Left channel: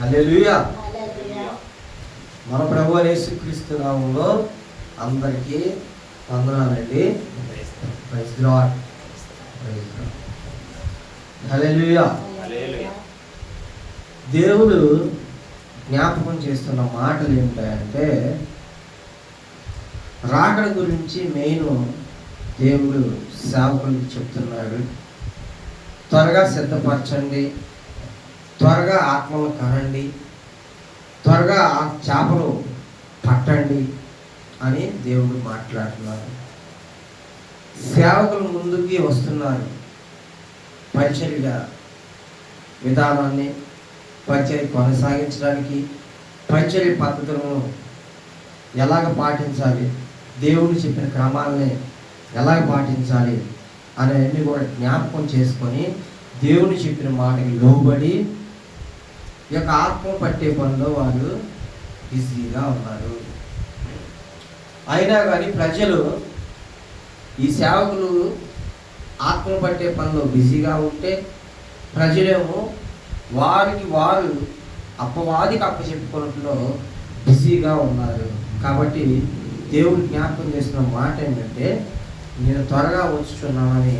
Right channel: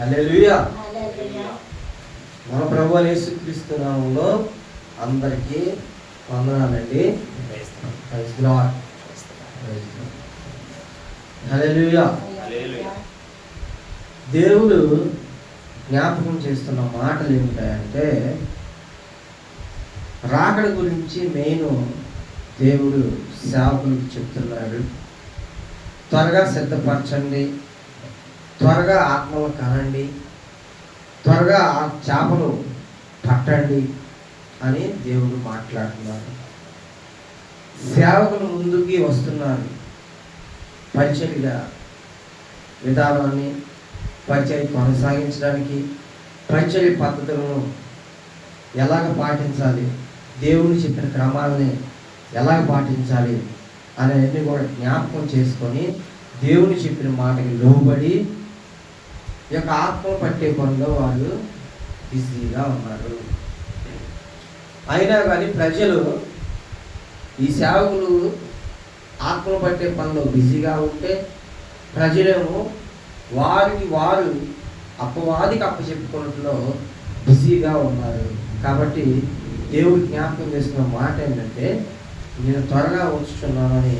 హల్లెలూయా. మన ప్రభువు యేసుక్రీస్తు నామములో అందరికీ వందనాలండి. Praise the lord. హల్లెలూయా. దేవుడు జ్ఞాపకం చేస్తున్న మాటలు ఏమిటాయంటే, రాకడ గురించి మెయిన్ దేవుడు సేవకులకు చెప్తున్నాడు. త్వరగా సిద్ధపరచండి, త్వరగా ఆత్మలు కనండి, త్వరగా ఆ చేపలు పట్టండి అని దేవుడు మాట్లాడుతున్నారు. సేవకులు ముందుకి వస్తున్నారు. పరిచర్య విధానాన్ని, పరిచర్య కొనసాగించడానికి, పరిచర్య పద్ధతులను ఎలాగ పాటించాలి, దేవుడు చెప్పిన క్రమాలని ఎలాగ పాటించాలి అనేవన్నీ కూడా జ్ఞాపకం చేసుకొని దేవుని చెప్పిన మాటకి లోబడి ఈ యొక్క ఆత్మ పట్టే పనిలో వాళ్ళు బిజీగా ఉన్నారు. అయినా కానీ ప్రజలు, ఈ సేవకులు ఆత్మ పట్టే పనిలో బిజీగా ఉంటే ప్రజలేమో వారికి వారు అప్పవాదికి అప్పచెప్పుకోవడంలో బిజీగా ఉన్నారు. కాబట్టి దేవుడు జ్ఞాపకం చేస్తున్న మాట ఏంటంటే, నేను త్వరగా వచ్చుచున్నానని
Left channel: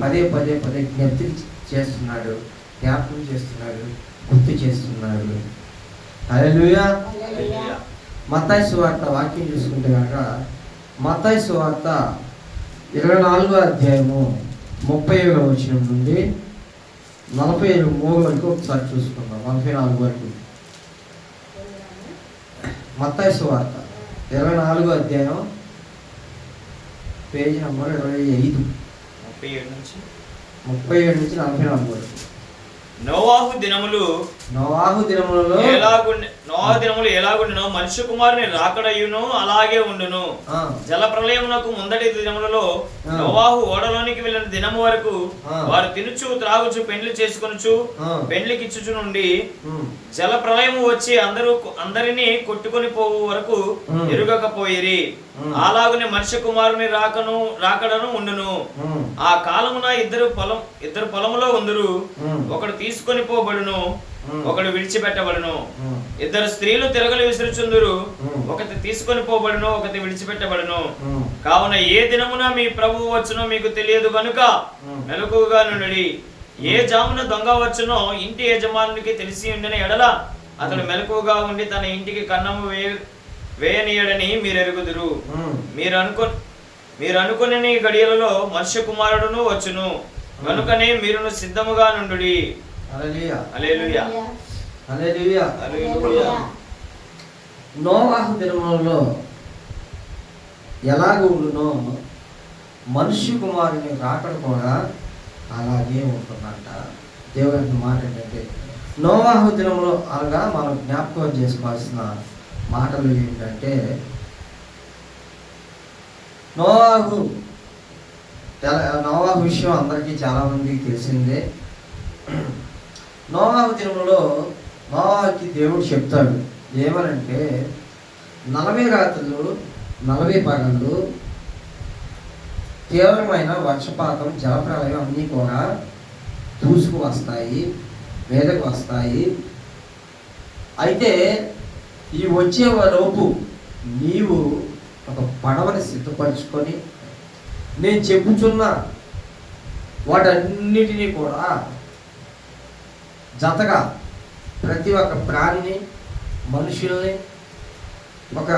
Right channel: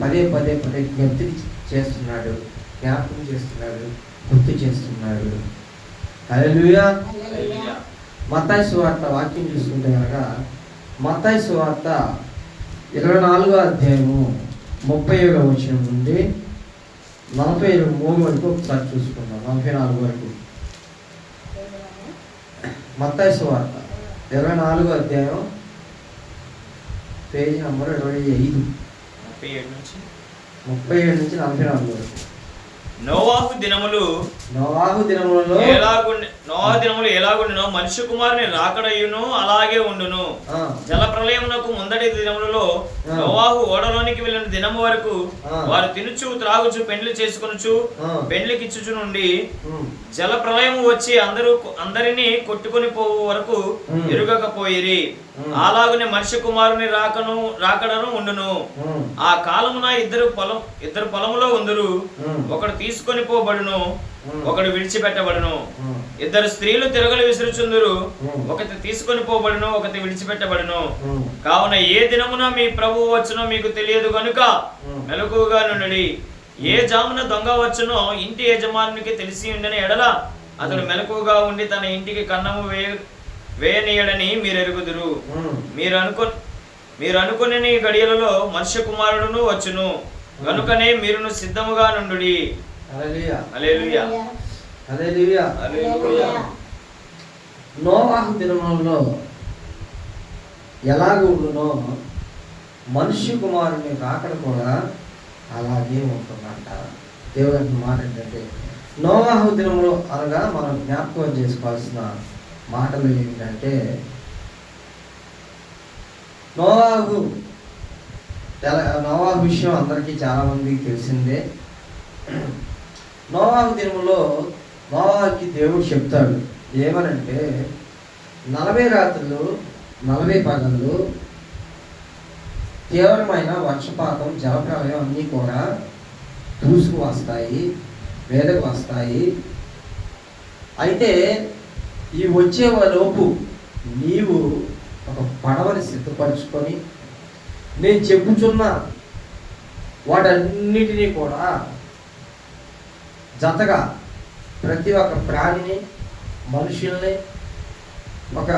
పదే పదే పదే జ్ఞప్తి చేస్తున్నాడు, జ్ఞాపకం చేస్తున్నాడు, గుర్తు చేస్తున్నాడు. హల్లెలూయా. మత్తయి సువార్త వాక్యం చూసుకుంటే కనుక, మత్తయి సువార్త 24వ అధ్యాయము 37వ వచనం నుండి 43 వరకు ఒకసారి చూసుకుందాం. 44 వరకు మత్తయి సువార్త 24వ అధ్యాయం పేజీ నంబర్ 25, 37 నుంచి 44 వరకు. నోవాహు దినములు ఎలాగుండునో మనుష్య కుమారుని రాకడయును అలాగే ఉండును. జల ప్రళయమునకు ముందటి దినములలో నోవాహు ఓడలోనికి వెళ్ళిన దినము వరకు వారు తినుచు త్రాగుచు పెండ్లి చేసుకొనుచు పెండ్లికిచ్చుచు నుండి జల ప్రళయము వచ్చి అందరినీ కొట్టుకొని పోవు వరకు ఎరుగకపోయిరి. అలాగునే మనుష్య కుమారుని రాకడను ఉండును. ఆ కాలమున ఇద్దరు పొలములో ఉందరు, ఒకడు తీసుకొని పోబడును, ఒకడు విడిచిపెట్టబడును. ఇద్దరు స్త్రీలు తిరగలు విసురుచుందురు, ఒకటి తీసుకొని పోబడును, ఒకటి విడిచిపెట్టబడును. కావున ఏ దినమున మీ ప్రభువు వచ్చునో మీకు తెలియదు గనుక మెలకువగా నుండి. ఏ జామున దొంగ వచ్చునో ఇంటి యజమానునికి తెలిసి ఉండని ఎడల అతడు మెలకువగా ఉండి తన ఇంటికి కన్నము వేయనీయడని మీరు ఎరుగుదురు. మీరు అనుకుని గడియలలో మనుష్య కుమారుడును వచ్చును, కనుకనే మీరును సిద్ధముగా నుండుడి. హల్లెలూయా. హల్లెలూయా. హల్లెలూయా. హల్లెలూయా. నోవాహు దినములలో ఎలాగ ఉండునో మనుష్య కుమారుని రాకడ కూడా అలాగే ఉంటుందంట. దేవుని మాట ఏంటంటే, నోవాహు దినములో అనగా మనం జ్ఞాపకం చేసుకోవాల్సిన మాటలు ఏంటంటే, నోవాహు విషయం అందరికీ చాలామందికి తెలిసిందే. నోవాహు దినములో నోవాహుకి దేవుడు చెప్తాడు ఏమనంటే, 40 రాత్రులు 40 పగళ్ళు తీవ్రమైన వర్షపాతం, జలప్రలయం అన్నీ కూడా దూసుకు వస్తాయి, మీదకు వస్తాయి. అయితే ఈ వచ్చే లోపు నీవు ఒక పడవని సిద్ధపరచుకొని నేను చెప్పుచున్న వాటన్నిటినీ కూడా జతగా ప్రతి ఒక్క ప్రాణిని, మనుషుల్ని, ఒక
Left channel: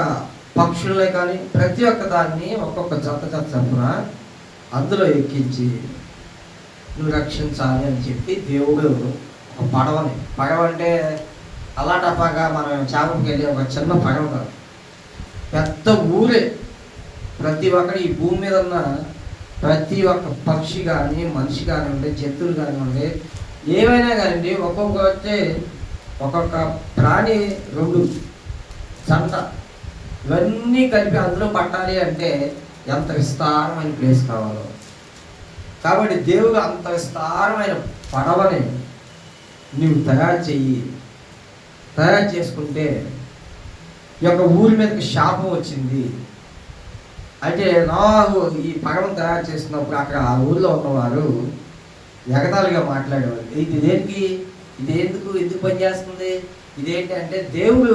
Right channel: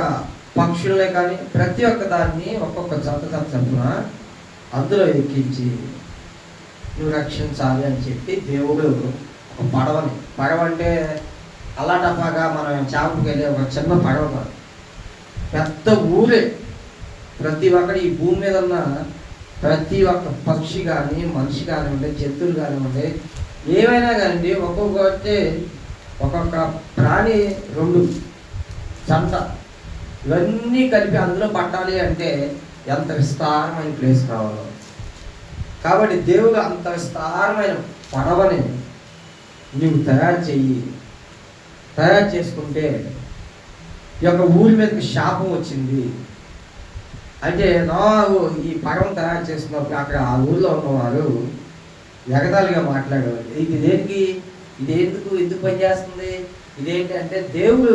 పక్షుల్ని కానీ ప్రతి ఒక్క దాన్ని ఒక్కొక్క జత చప్పున అందులో ఎక్కించి నువ్వు రక్షించాలి అని చెప్పి దేవుడు ఒక పడవ అంటే అలా టపాగా మనం చేపకి వెళ్ళే ఒక చిన్న పడవ కాదు, పెద్ద ఊరే. ప్రతి ఒక్కటి ఈ భూమి మీద ఉన్న ప్రతి ఒక్క పక్షి కానీ, మనిషి కానివ్వండి, జంతువులు కానివ్వండి, ఏమైనా కానివ్వండి, ఒక్కొక్క ప్రాణి 2 జంట ఇవన్నీ కలిపి అందులో పట్టాలి అంటే ఎంత విస్తారమైన ప్లేస్ కావాలో. కాబట్టి దేవుడు అంత విస్తారమైన పడవని నీవు తయారు చేసుకుంటే ఈ యొక్క ఊరి మీదకి శాపం వచ్చింది. అయితే నోవాహు ఈ పడవను తయారు చేసినప్పుడు అక్కడ ఆ ఊరిలో ఉన్నవారు ఎగతాళిగా మాట్లాడేవారు. ఇది దేనికి? ఇది ఎందుకు పనిచేస్తుంది? ఇదేంటి అంటే దేవుడు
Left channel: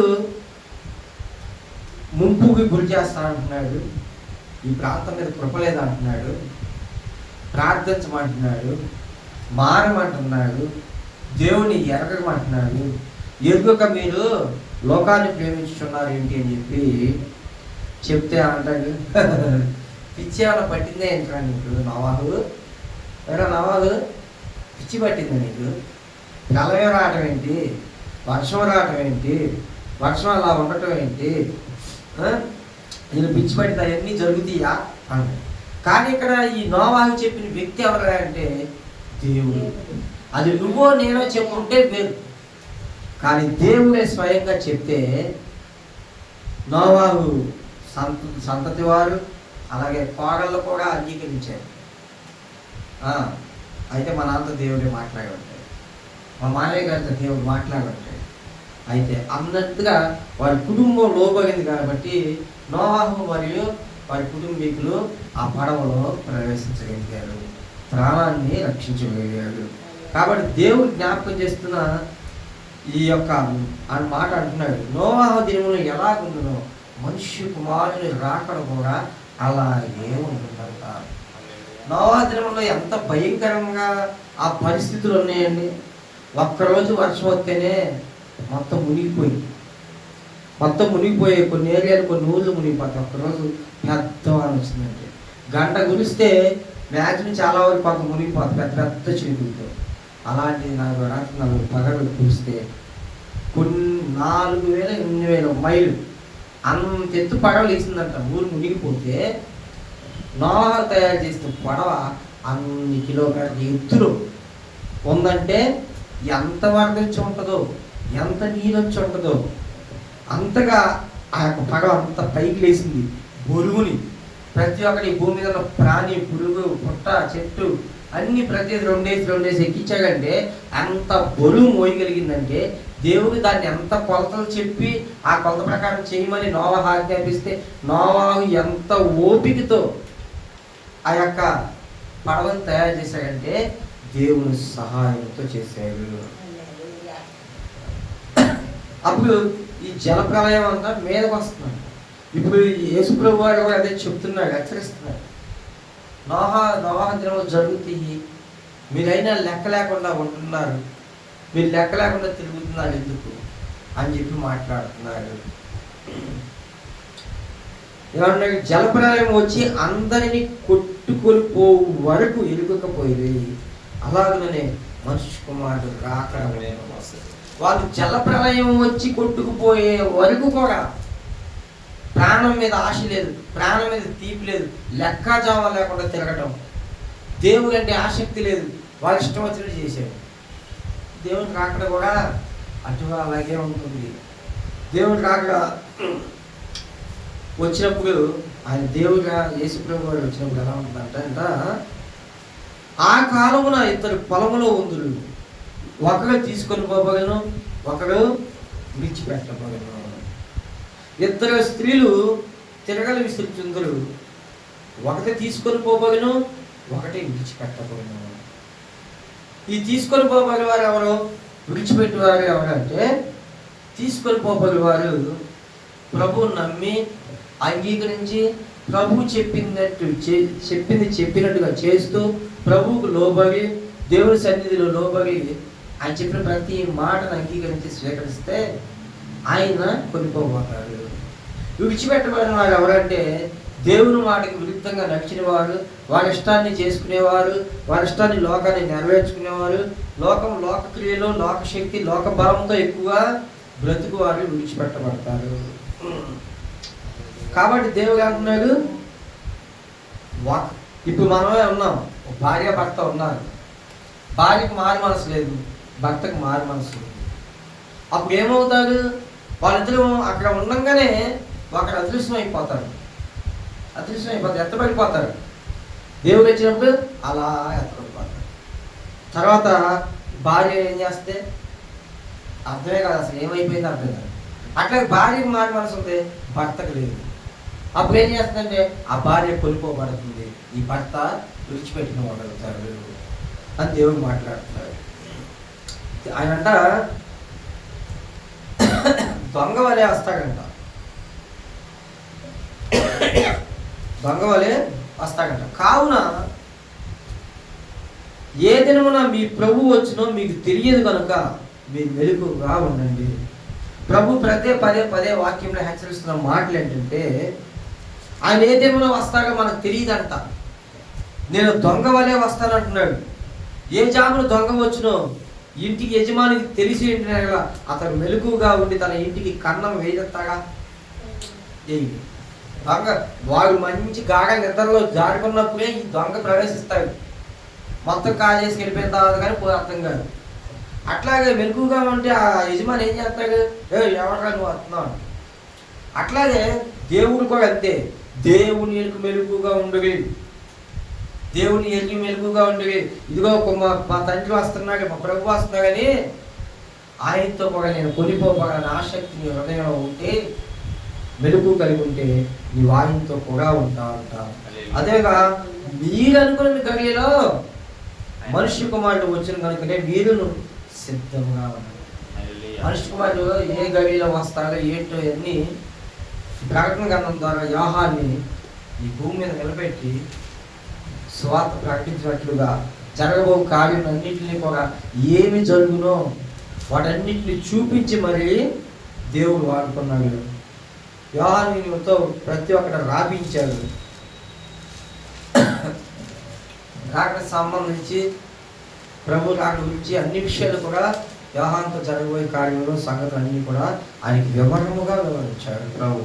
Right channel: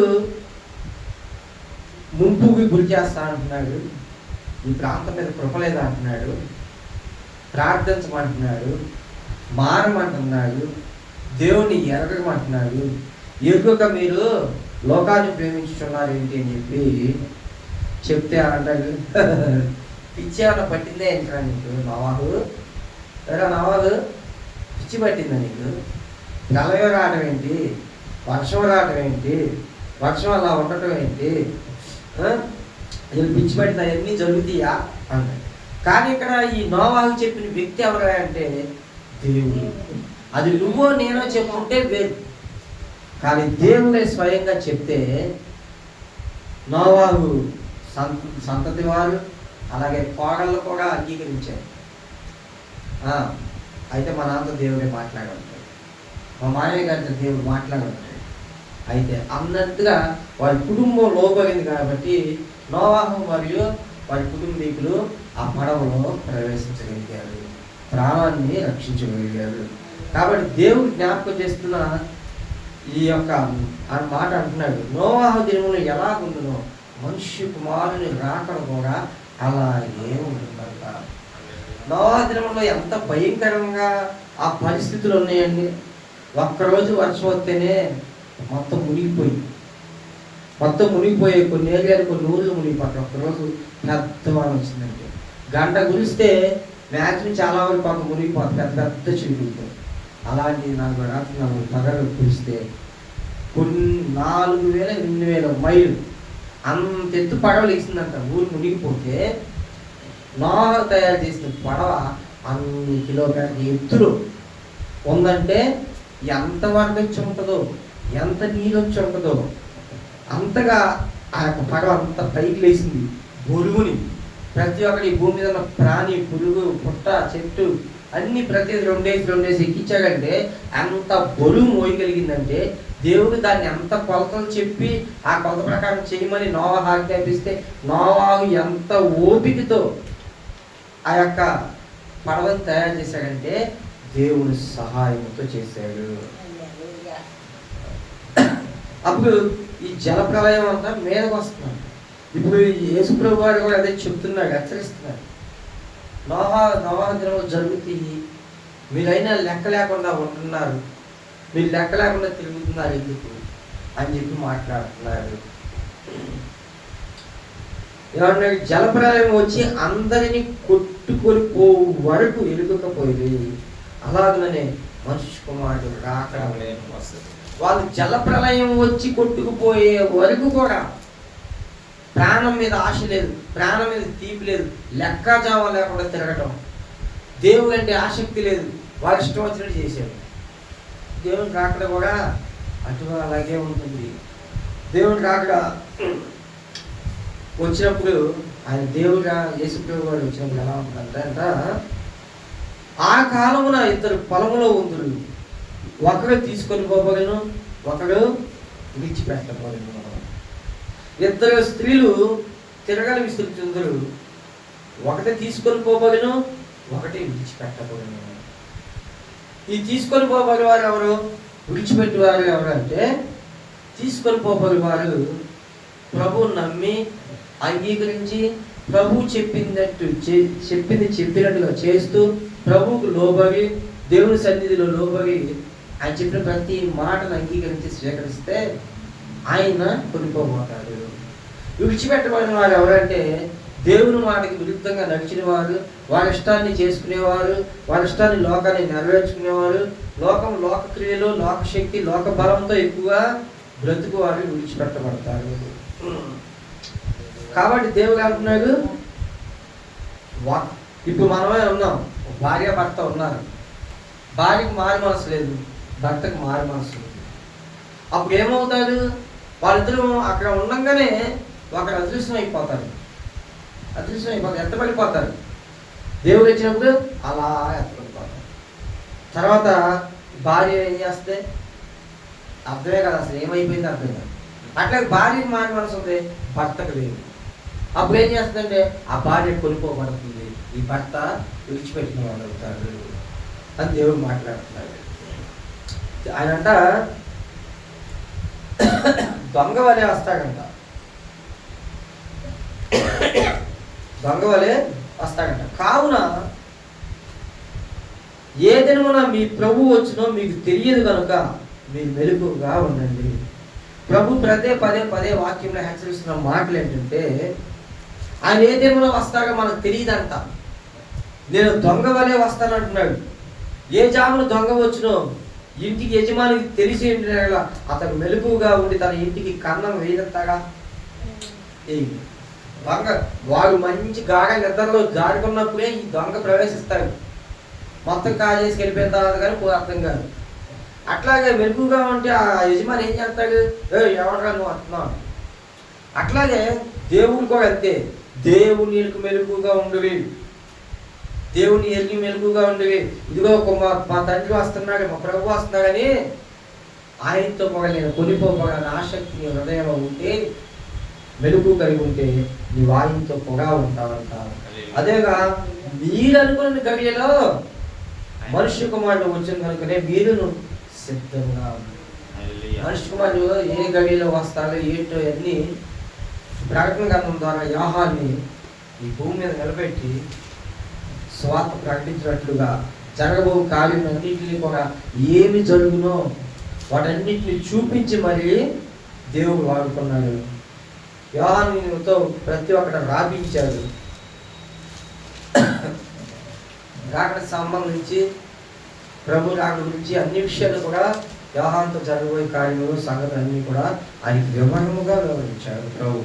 ముంపుకి గురి చేస్తానంటున్నాడు, ఈ ప్రాంతం మీద కృపలేదంటున్నాడు, ప్రార్థించమంటున్నాడు, మారమంటున్నాడు, దేవుణ్ణి ఎరగమంటున్నాడు. ఎరుగక మీరు లోకాన్ని ప్రేమించుతున్నారు ఏంటి అని చెప్పి చెప్తే అంటాడు, పిచ్చి ఏమైనా పట్టిందే ఏంట్రా నీకు నవాహు? ఎరా నవాహు, పిచ్చి పట్టిందా నీకు? ప్రళయం రావటం ఏంటి, వర్షం రావటం ఏంటి, వర్షం అలా ఉండటం ఏంటి, ఇది పిచ్చి పట్టింది, అవన్నీ జరుగుతాయా అన్నాడు. కానీ ఇక్కడ ఈ నోవాహు చెప్పిన వ్యక్తి ఎవరు అంటే దేవుడు. అది నువ్వో నేనో చెప్పుకుంటే వేరు, కానీ దేవుడే స్వయంగా చెప్తే నోవాహు సంతతి వారు అలాగే కోడళ్ళు కూడా అంగీకరించారు. అయితే మా నాన్నతో దేవుడే మాట్లాడుంటాడు, మా మామయ్య గారితో దేవుడు మాట్లాడుంటాడు. అయితే అన్నట్టుగా వారి కుటుంబం లోబడింది కాబట్టి నోవాహు మరియు వారి కుటుంబీకులు ఆ పడవలో ప్రవేశించగలిగారు, ప్రాణాన్ని రక్షించగలిగారు. కాబట్టి దేవుడు జ్ఞాపకం చేస్తున్న ఈ యొక్క మాట అంటున్నాడు, నోవాహు దినములు ఎలాగుండునో మనుష్య కుమారుని రాకడ కూడా అలాగే ఉంటుందంట. నోవాహు దినములో ఎంత భయంకరంగా ఆ పరిస్థితులు ఉన్నాయండి. ఒక్కరోజు వర్షం వస్తేనే మొత్తం మునిగిపోయి కొన్ని ఏరియాలు కొన్ని ఊళ్ళు మునిగిపోతాయి. ఒక్కరోజు పెద్దవాళ్ళు వచ్చిందంటే గంట కురిస్తే మ్యాక్సిమం చాలా వరకు పాపం మునిగిపోతాయి, పెద్ద చిలుకులతో. అలాంటిది 4 పగలు కురిస్తే కొన్ని 4000 8,000 మైళ్ళు అంత ఎత్తు పడవలు వేసిందంట. ఊరు మునిగిపోతే నోవాహు తయారు చేసిన పడవ అన్ని కిలోమీటర్ల ఎత్తులో ఉందంటే ఎంత వరద వచ్చి ఉంటుందో, ఎంత నీరు వచ్చి ఉంటుందో అంతగా ఆ యొక్క పడవ అంత పైకి లేచింది. బొరుగుని ప్రతి ఒక్కటి భూమి మీద ఉన్న ప్రాణి, పురుగు, పుట్ట, చెట్టు అన్ని ప్రతి 2 డేస్ ఎక్కించాడంటే అంత బరువు మోయగలిగిందంటే దేవుడు దాన్ని ఎంత కొలతలు చెప్పి ఆ కొలత ప్రకారం చేయమని నోవాహు ఆజ్ఞాపిస్తే నోవాహు ఎంత ఓపికతో ఆ యొక్క పడవను తయారు చేశాడంటే దేవుని సహాయంతో చేశాడు. అప్పుడు ఈ జల ప్రళయం అంతా మీదకు వస్తున్నాడు. ఇప్పుడు యేసుప్రభు వారు కూడా అదే చెప్తున్నాడు, హెచ్చరిస్తున్నాడు. నోవాహు దినములు జరుగుతాయి, మీరైనా లెక్క లేకుండా ఉంటున్నారు, మీరు లెక్క లేకుండా తిరుగుతున్నారు ఎందుకు అని చెప్పి మాట్లాడుతున్నారు. ఏమన్నా జలప్రలయం వచ్చి అందరినీ కొట్టుకొని పోవు వరకు ఎలుగకపోయింది. అలాగనే మనుష్య కుమారుడు రాకడమే వస్తుంది. వాళ్ళు జలప్రలయం వచ్చి కొట్టుకుపోయే వరకు కూడా ప్రాణం మీద ఆశ లేదు, ప్రాణం మీద తీపి లేదు, లెక్కాజామా లేకుండా తిరగటం, దేవుడు అంటే ఆసక్తి లేదు, వాళ్ళు ఇష్టం వచ్చినట్టు చేశారు. దేవుని రాకడ కూడా అటు అలాగే ఉంటుంది. దేవుని రాకడ వచ్చినప్పుడు ఆయన దేవుడుగా యేసుప్రభు వారు వచ్చినప్పుడు ఎలా ఉంటుందంట, ఆ కాలమున 2 పొలములో ఉందురు, ఒకరు తీసుకొని పోబడను, ఒకరు విడిచిపెట్టబడను. 2 స్త్రీలు తిరగలి విసురుచుందురు, ఒకటి తీసుకొని పోబడను, ఒకటి విడిచిపెట్టబడను. ఈ తీసుకొని పోబడి వారు ఎవరు, విడిచిపెట్టేవారు ఎవరు అంటే, తీసుకొని పోబడి వారు ప్రభువు నమ్మి అంగీకరించి ప్రభువు చెప్పింది చెప్పినట్టుగా చేస్తూ ప్రభువుకు లోబడి దేవుని సన్నిధిలో లోబడి ఆయన చెప్పిన ప్రతి మాటను అంగీకరించి స్వీకరిస్తే ఆయన కొనిపోబోతాడు. విడిచిపెట్టబడిన వారు ఎవరంటే దేవుని మాటకి విరుద్ధంగా నడిచిన వారు, వారి ఇష్టాన్ని చేసుకునేవారు, వారి ఇష్టాన్ని లోకాన్ని నెరవేర్చుకునేవారు, లోకక్రియలు, లోకశక్తి, లోక బలంతో ఎక్కువగా బ్రతుకువారు విడిచిపెట్టబడతారు. కాబట్టి దేవుడు అంటున్నాడు, ఇప్పుడు మనమే ఉన్నాం, భార్య భర్త ఉన్నారు, భార్యకు మారి మనసు లేదు, భర్తకు మారి మనసు లేదు. అప్పుడు ఏమవుతాడు, వాళ్ళిద్దరూ అక్కడ ఉండగానే ఒకరు అదృశ్యం అయిపోతారు, ఎత్తబడిపోతారు. దేవుడు వచ్చినప్పుడు అలా ఎత్తబడిపోతారు. తర్వాత భార్య ఏం చేస్తే అర్థమే కాదు, అసలు ఏమైపోయింది అర్థం కాదు. అట్లాగే భార్యకు మారి మనసు ఉంది, భర్తకు లేదు. అప్పుడు ఏం చేస్తుందంటే ఆ భార్య కొనుక్కోబడుతుంది, ఈ భర్త విడిచిపెట్టిన వాళ్ళు అవుతారు అని దేవుడు మాట్లాడుతున్నాడు. ఆయన అంట దొంగ వలే వస్తాడంట, దొంగ వలే వస్తాడంట. కావున ఏ దినమున మీ ప్రభు వచ్చినో మీకు తెలియదు కనుక మీరు మెలకువగా ఉండండి. ప్రభు పదే పదే వాక్యంలో హెచ్చరిస్తున్న మాటలు ఏంటంటే, ఆయన ఏ దినమున వస్తాడో మనకు తెలియదంట. నేను దొంగ వలే వస్తానంటున్నాడు. ఏ జామున దొంగ వచ్చినో ఇంటికి యజమానికి తెలిసి అతను మెలకువగా ఉండి తన ఇంటికి కన్నం వేయస్తాగా. దొంగ వాడు మంచి గాఢ నిద్రలో జారుకున్నప్పుడే ఈ దొంగ ప్రవేశిస్తాడు. మొత్తం కాజేసి వెళ్ళిపోయిన తర్వాత కానీ అర్థం కాదు. అట్లాగే మెలకువగా ఉంటే ఆ యజమాని ఏం చేస్తాడు, ఎవడరా నువ్వు వస్తున్నావు. అట్లాగే దేవుడు కూడా అంతే. దేవుని మెలకువగా ఉండవి, దేవుని ఎరిగి మెలకువగా ఉండవి. ఇదిగో మా తండ్రి వస్తున్నాడు, మా ప్రభు వస్తున్నా కానీ ఆయనతో కూడా నేను కొనిపోగలని ఆసక్తి నీ హృదయంలో ఉంటే, మెలుకు కలిగి ఉంటే నీవు ఆయనతో కూడా ఉంటావంట. అదేగా మీరు అనుకున్న గడియలో మనుష్య కుమారుడు వచ్చిన కనుకనే మీరును సిద్ధంగా ఉంది. మనుష్య కుమారుడు ఏ గడియలో వస్తాడో ఏంటో అన్ని ప్రకటన గ్రంథం ద్వారా యోహాన్ని ఈ భూమి మీద నిలబెట్టి స్వార్థ ప్రకటించినట్లుగా జరగబో కార్యం అన్నింటినీ కూడా ఏమి జరుగునో వాటన్నిటిని చూపించి మరి దేవుడు వాడుకున్నాడు. యోహానుతో ప్రతి ఒక్కటి రాపించాడు. రాకడ సంబంధించి ప్రభు రాకడ గురించి అన్ని విషయాలు కూడా యోహానుతో జరగబోయే కార్యంలో సంగతులు అన్నీ కూడా ఆయనకి వివరణముగా వివరించాడు ప్రభు.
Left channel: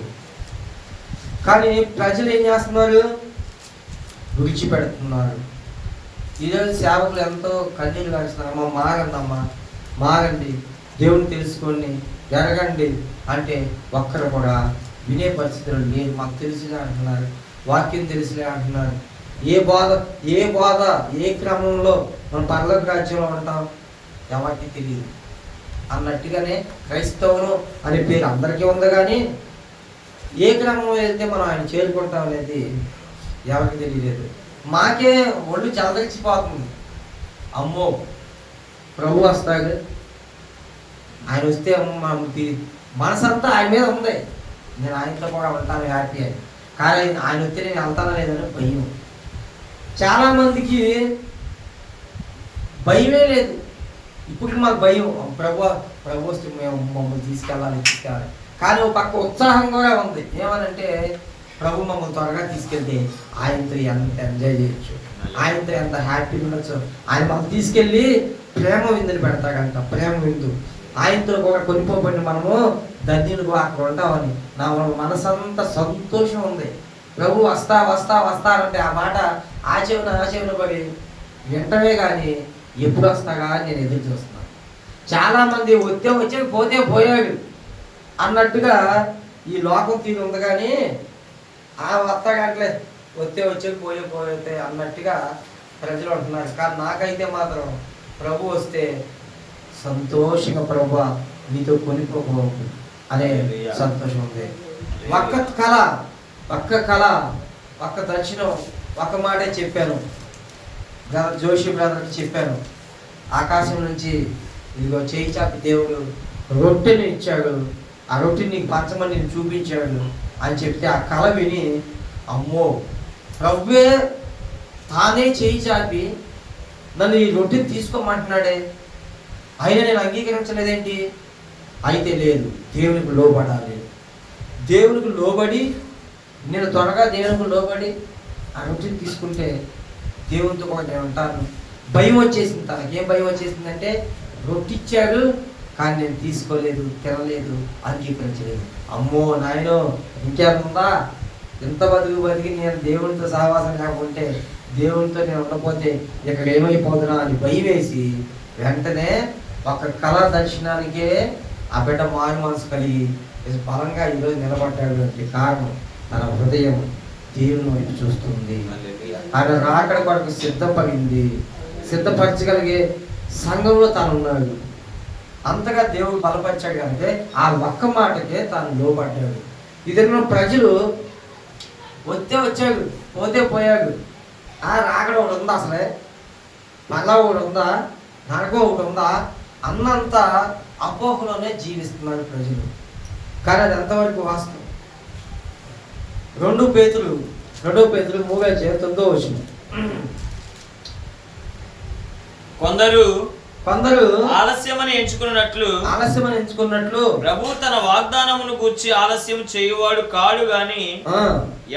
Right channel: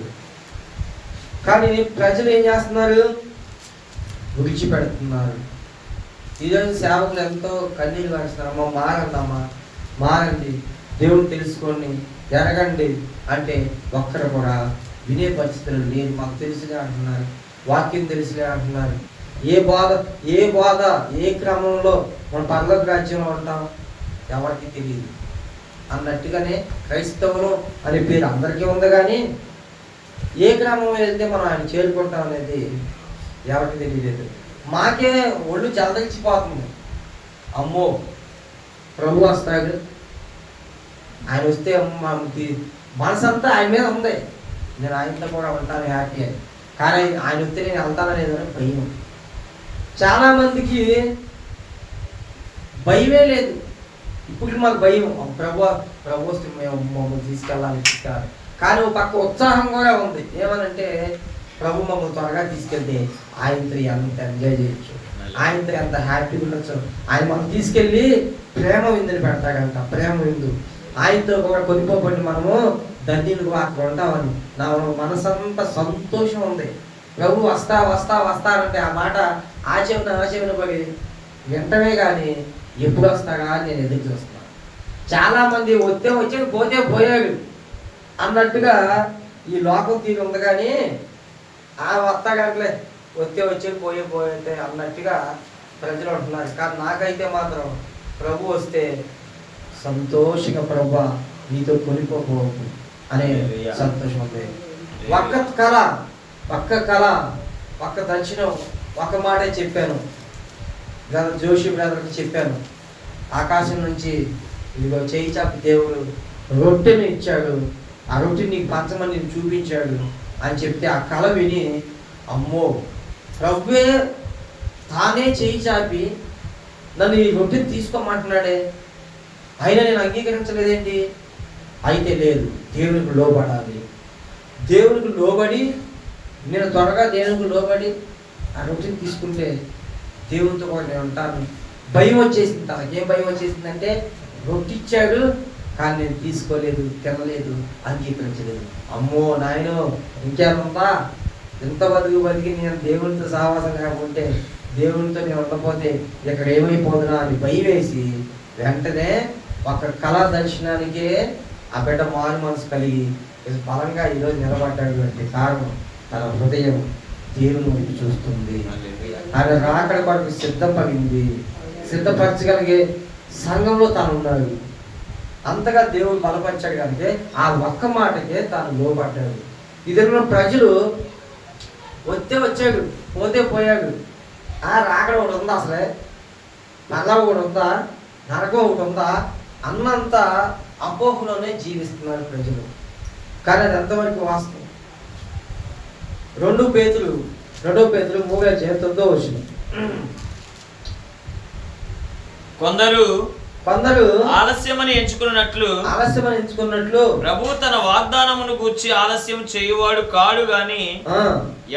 కానీ ప్రజలు ఏం చేస్తున్నారు, విడిచిపెడుతున్నారు. ఈరోజు సేవకులు ఎంతో కన్నీళ్ళు వేస్తున్నారు. అమ్మ మారండమ్మా, మారండి, దేవుని తెలుసుకోండి, ఎరగండి అంటే ఒక్కరు కూడా వినే పరిస్థితులు లేదు. మాకు తెలుసుగా అంటున్నారు, వాక్యం తెలుసులే అంటున్నారు. ఏ బాధ ఏ క్రమంలో మనం పరలోక రాజ్యంలో ఉంటాం ఎవరికి తెలియదు అన్నట్టుగానే క్రైస్తవులు అనే పేరు అందరికీ ఉంది, కానీ ఏ క్రమం వెళ్తే మనం ఆయన చేరుకుంటాం అనేది ఎవరికి తెలియలేదు. మాకే ఒళ్ళు చదలిచిపోతుంది. అమ్మో ప్రభు వస్తాడు, ఆయన వస్తే మనసంతా ఆయన మీద ఉంది, నేను ఆయనతో కూడా ఉంటాను హ్యాపీ అని. కానీ ఆయన వస్తే నేను వెళ్తానో లేదని భయం. చాలామందికి భయమే లేదు. ఇప్పుడు మాకు భయం, ప్రభు వస్తే మేము మమ్మల్ని తీసుకెళ్ళాలి. కానీ ఒక పక్క ఉత్సాహం కూడా ఉంది. ఏమనంటే ప్రభు మమ్మల్ని త్వరగా తీసుకెళ్తే ఆయనతో ఎంత ఎంజాయ్ చేయొచ్చు, ఆయనతో ఎంత హ్యాపీగా ఉండొచ్చు. ఆయన మమ్మల్ని తీసుకెళ్ళి ప్రేమ విందుని పెడతాడంట, ప్రేమ విందు. ఆయనతో కూడా కొనిపోబడి మనము ధన్యులుగా అక్కడ ఉంటామని నా మనసంతా సంతోషం ఉంది. ప్రభు వస్తా వస్తా వస్తానంటే ఆ మాట ఆచెవున పడి వింటమే కానీ ఎప్పుడు వస్తాగా అని నేను ఎదురు చూస్తున్నాను. చాలామంది వచ్చే పోతే పోయాడు అన్నట్టుగా ఈ లోకం తీరు ఉంది, కానీ ఆ వస్తాగట్లే వచ్చే పోతే అన్నట్టుగా ప్రజలు అంటున్నారు. కానీ నాకైతే మాత్రం ప్రభు వస్తే సంతోషంగా ప్రభు నీతో కొనిపోకు అనే సంతోషం ఉంది. ఒక్క దర్శనం ఒక మాటే చెప్పాను, జోషి బ్రదర్కి చెప్పాను. ఆకాశం నుంచి ఇదిగో చేయి చాపి దేవుడు రొట్టెని ఇచ్చాడు, ఆ రొట్టెని నీకు పంచమని నేను చూపించాడు అని చెప్తే ఆ కళ విని అమ్మో ప్రభువే తానే చేయి చాపి నన్ను ఈ రొట్టెని తీసుకోమంటున్నాడే, అయినా నేను అంగీకరించలేదేంటి? అయితే లేదు, దేవునికి లోబడాలి. దేవునికి లోబడి నేను త్వరగా దేవునికి లోబడి ఆ రొట్టెని తీసుకుంటే దేవునితో కూడా నేను ఉంటాను. భయం వచ్చేసింది. తనకేం భయం వచ్చేసిందంటే రొట్టె ఇచ్చాడు కానీ నేను తీసుకోలేదు, తినలేదు, అంగీకరించలేదు. అమ్మో నాయనో ఇంకేముందా, ఎంత బతికి నేను దేవునితో సహవాసం లేకుంటే, దేవునితో నేను ఉండకపోతే ఇక్కడ ఏమైపోతున్నా అని భయం వేసి వెంటనే ఒక కళ దర్శనానికే ఆ బిడ్డ మారు మనసు కలిగి బలంగా ఈరోజు నిలబడ్డాడు. కారణం తన హృదయం దేవుని వైపు చూస్తుంది. ఆయన రాకడ కొరకు సిద్ధపడింది, సిద్ధపరచగలిగే సంఘంలో తాను ఉన్నాడు. అంతగా దేవుడు బలపరిచాడు కనుక ఆ ఒక్క మాటకే తాను లోబడ్డాడు. ఇద్దరు ప్రజలు వస్తే వచ్చాడు, పోతే పోయాడు. రాకడ ఒకటి ఉందా, అసలే మళ్ళా ఒకటి ఉందా, నరకం ఒకటి ఉందా, అన్నంత అపోహలోనే జీవిస్తున్నారు ప్రజలు. కానీ అది ఎంతవరకు వాస్తవం? 2 పేతురు 3:9 కొందరు ఆలస్యమని ఎంచుకున్నట్లు ప్రభు తన వాగ్దానమును గూర్చి ఆలస్యం చేయువాడు కాడు గాని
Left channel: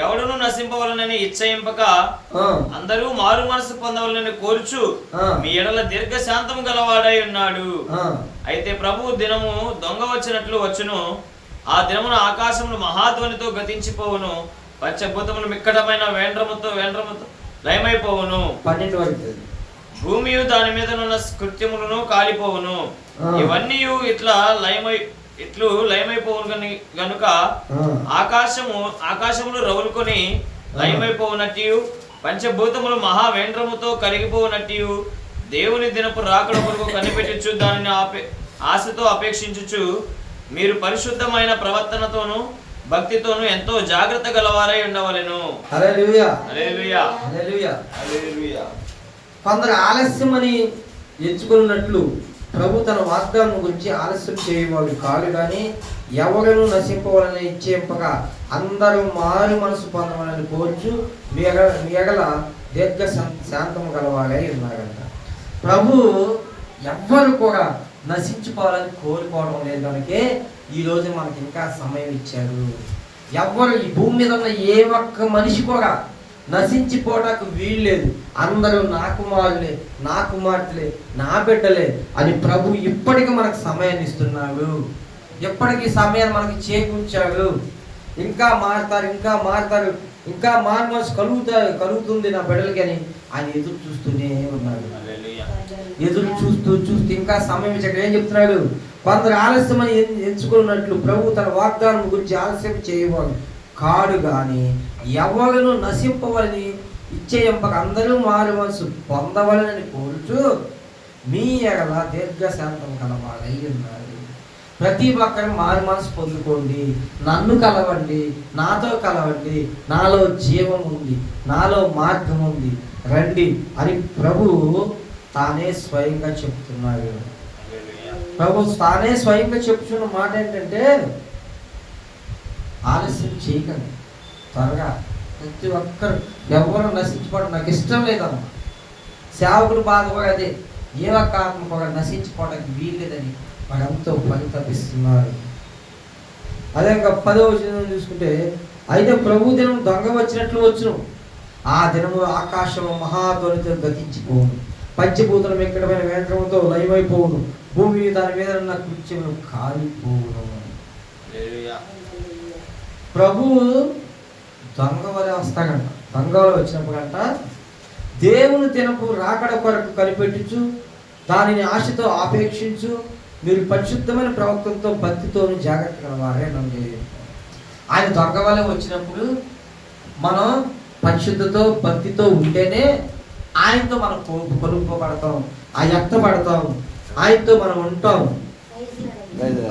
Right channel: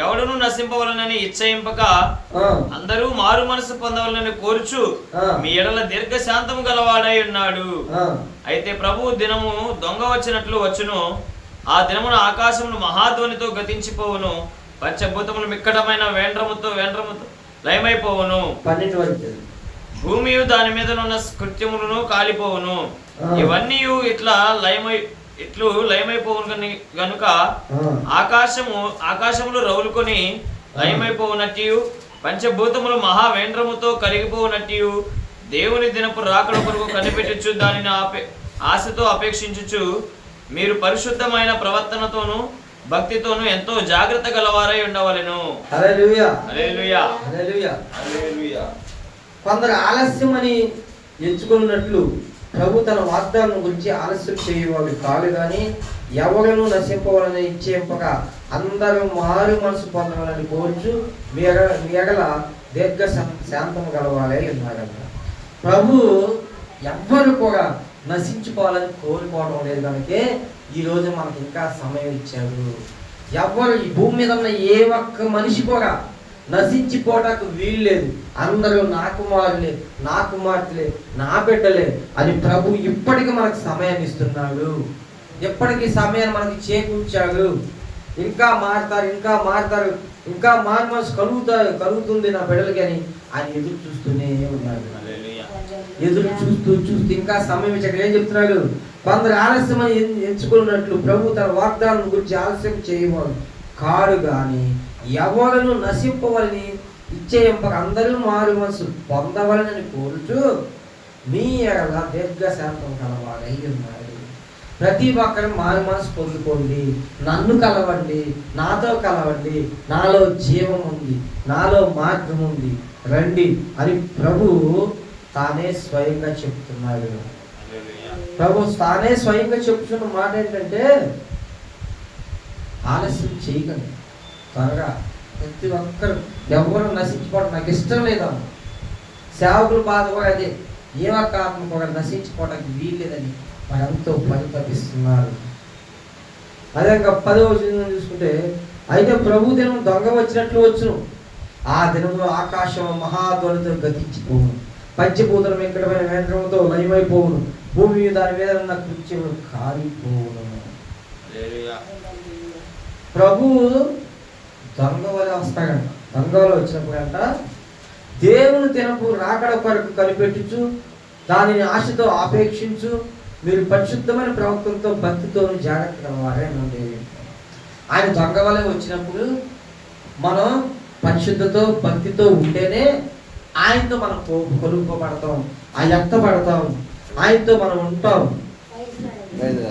ఎవడును నశింపవలనని ఇచ్చయింపక అందరూ మారు మనసు పొందవలనని కోరుచు మీ ఎడల దీర్ఘశాంతము గలవాడై ఉన్నాడు. అయితే ప్రభు దినము దొంగ వచ్చినట్లు వచ్చును. ఆ దినమున ఆకాశమును మహాధ్వనితో గతించిపోవును. పంచభూతములు మిక్కటమైన వేండ్రముతో లయమైపోవును. 12 వరకు భూమియు దాని మీద ఉన్న కృత్యములను కాలిపోవును. ఇవన్నీ ఇట్లా లయమైపోవును గనుక ఆకాశములు రౌలుకొని లయమైపోవునట్టు పంచభూతములు మహావేంద్రముతో కరిగిపోవునట్టు దేవుని దినపు రాకడ కొరకు కనిపెట్టుచు దానిని ఆశతో అపేక్షించుచు మీరు పరిశుద్ధమైన ప్రవర్తనతోను భక్తితోను ఎంతో జాగ్రత్త గలవారై ఉండవలెను. హల్లెలూయా హల్లెలూయా హల్లెలూయా హల్లెలూయా. కొందరు ఆలస్యమని ఎంచుకున్నట్లు ప్రభు తన వాగ్దానం గురించి ఆలస్యం చేయవాడు కాదు కానీ ఎవరను నశింపవాలని ఇచ్చేంపక అందరూ మారు మనసు పొందవాలని కోరుచు మీ ఎగల దీర్ఘ శాంతం గలవాడై ఉన్నాడంట. ప్రభు ఎవ్వరు కూడా నశించుకోవాలని కోరుకోవడం లేదు కనుకే ఈరోజు మనకి ఇంకా సమయం ఇచ్చాడు. ఎవ్వరు ఈ భూమి మీద ఉన్న ఏ ఒక్క మనిషి కూడా నశించిపోవడానికి వీల్లేదు. అందరూ నా కుమారులే, నా కుమార్తెలే, నా బిడ్డలే అని ప్రభు ఇప్పటికీ మనకు సమయాన్ని ఇస్తున్నాడు. ఎప్పటికీ సమయాన్ని మనకి చేకూర్చాడు. ఇంకా మారుతారు, ఇంకా మారు మనసు కలుగుతుంది నా బిడ్డలకి అని ఆయన ఎదురు చూస్తూనే ఉన్నాడు. ఎదురు చూస్తూ ఇంకా సమయం ఇచ్చాడు. ఏం చెప్తున్నాడు? కొందరు ఆలస్యమని ఎంచుకున్నట్లు ప్రభు తన వాగ్దానం గురించి ఆలస్యం చేయవాడు కాడు కానీ ఎవరను నశింపవలని ఇచ్చేయంపక అందరూ మారు మనసు పొందవలనని కోరుచు మీ ఎడల దీర్ఘశాంతం కలవాడై ఉన్నారు. ప్రతి ఒక్కరు మారు మనసు పొందుకోండి, నన్ను కలవండి, నాతో కలవండి, నాలో జీవం ఉంది, నాలో మార్గం ఉంది, రండి అని ప్రభు తానే స్వయంగా చెప్తున్నాడు. ప్రభు తానే స్వయంగా చెప్తున్న మాట ఏంటంటే ఆలస్యం చేయకండి, త్వరగా ప్రతి ఒక్కరు ఎవరు నశించుకోవడం నాకు ఇష్టం లేదన్న సేవకులు బాధ కూడా అదే. ఏ ఒక్క ఆత్మ కూడా నశించుకోవడానికి వీల్లేదని వాడంతో పరితపిస్తున్నారు. అదే 10వ వచనం చూసుకుంటే అయితే ప్రభు దినం దొంగ వచ్చినట్లు వచ్చును. ఆ దినము ఆకాశం మహాధ్వనితో గతించిపోవును. పంచభూతలం ఎక్కడమైన వేంద్రంతో లయమైపోవును. భూమి దాని మీద ఉన్న కృత్యములు కాలిపోవును. ప్రభు దొంగ వలె వస్తాడంట. దొంగ వలె వచ్చినప్పుడంట దేవుని దినపు రాకడ కొరకు కనిపెట్టుచు దానిని ఆశతో ఆపేక్షించు మీరు పరిశుద్ధమైన ప్రవక్తలతో భక్తితో జాగ్రత్త కలవారే. ఆయన దొంగ వలె వచ్చినప్పుడు మనం పరిశుద్ధతో భక్తితో ఉంటేనే ఆయనతో మనం కొనుక్కోబడతాం, ఆయత్తపడతాం, ఆయనతో మనం ఉంటాం.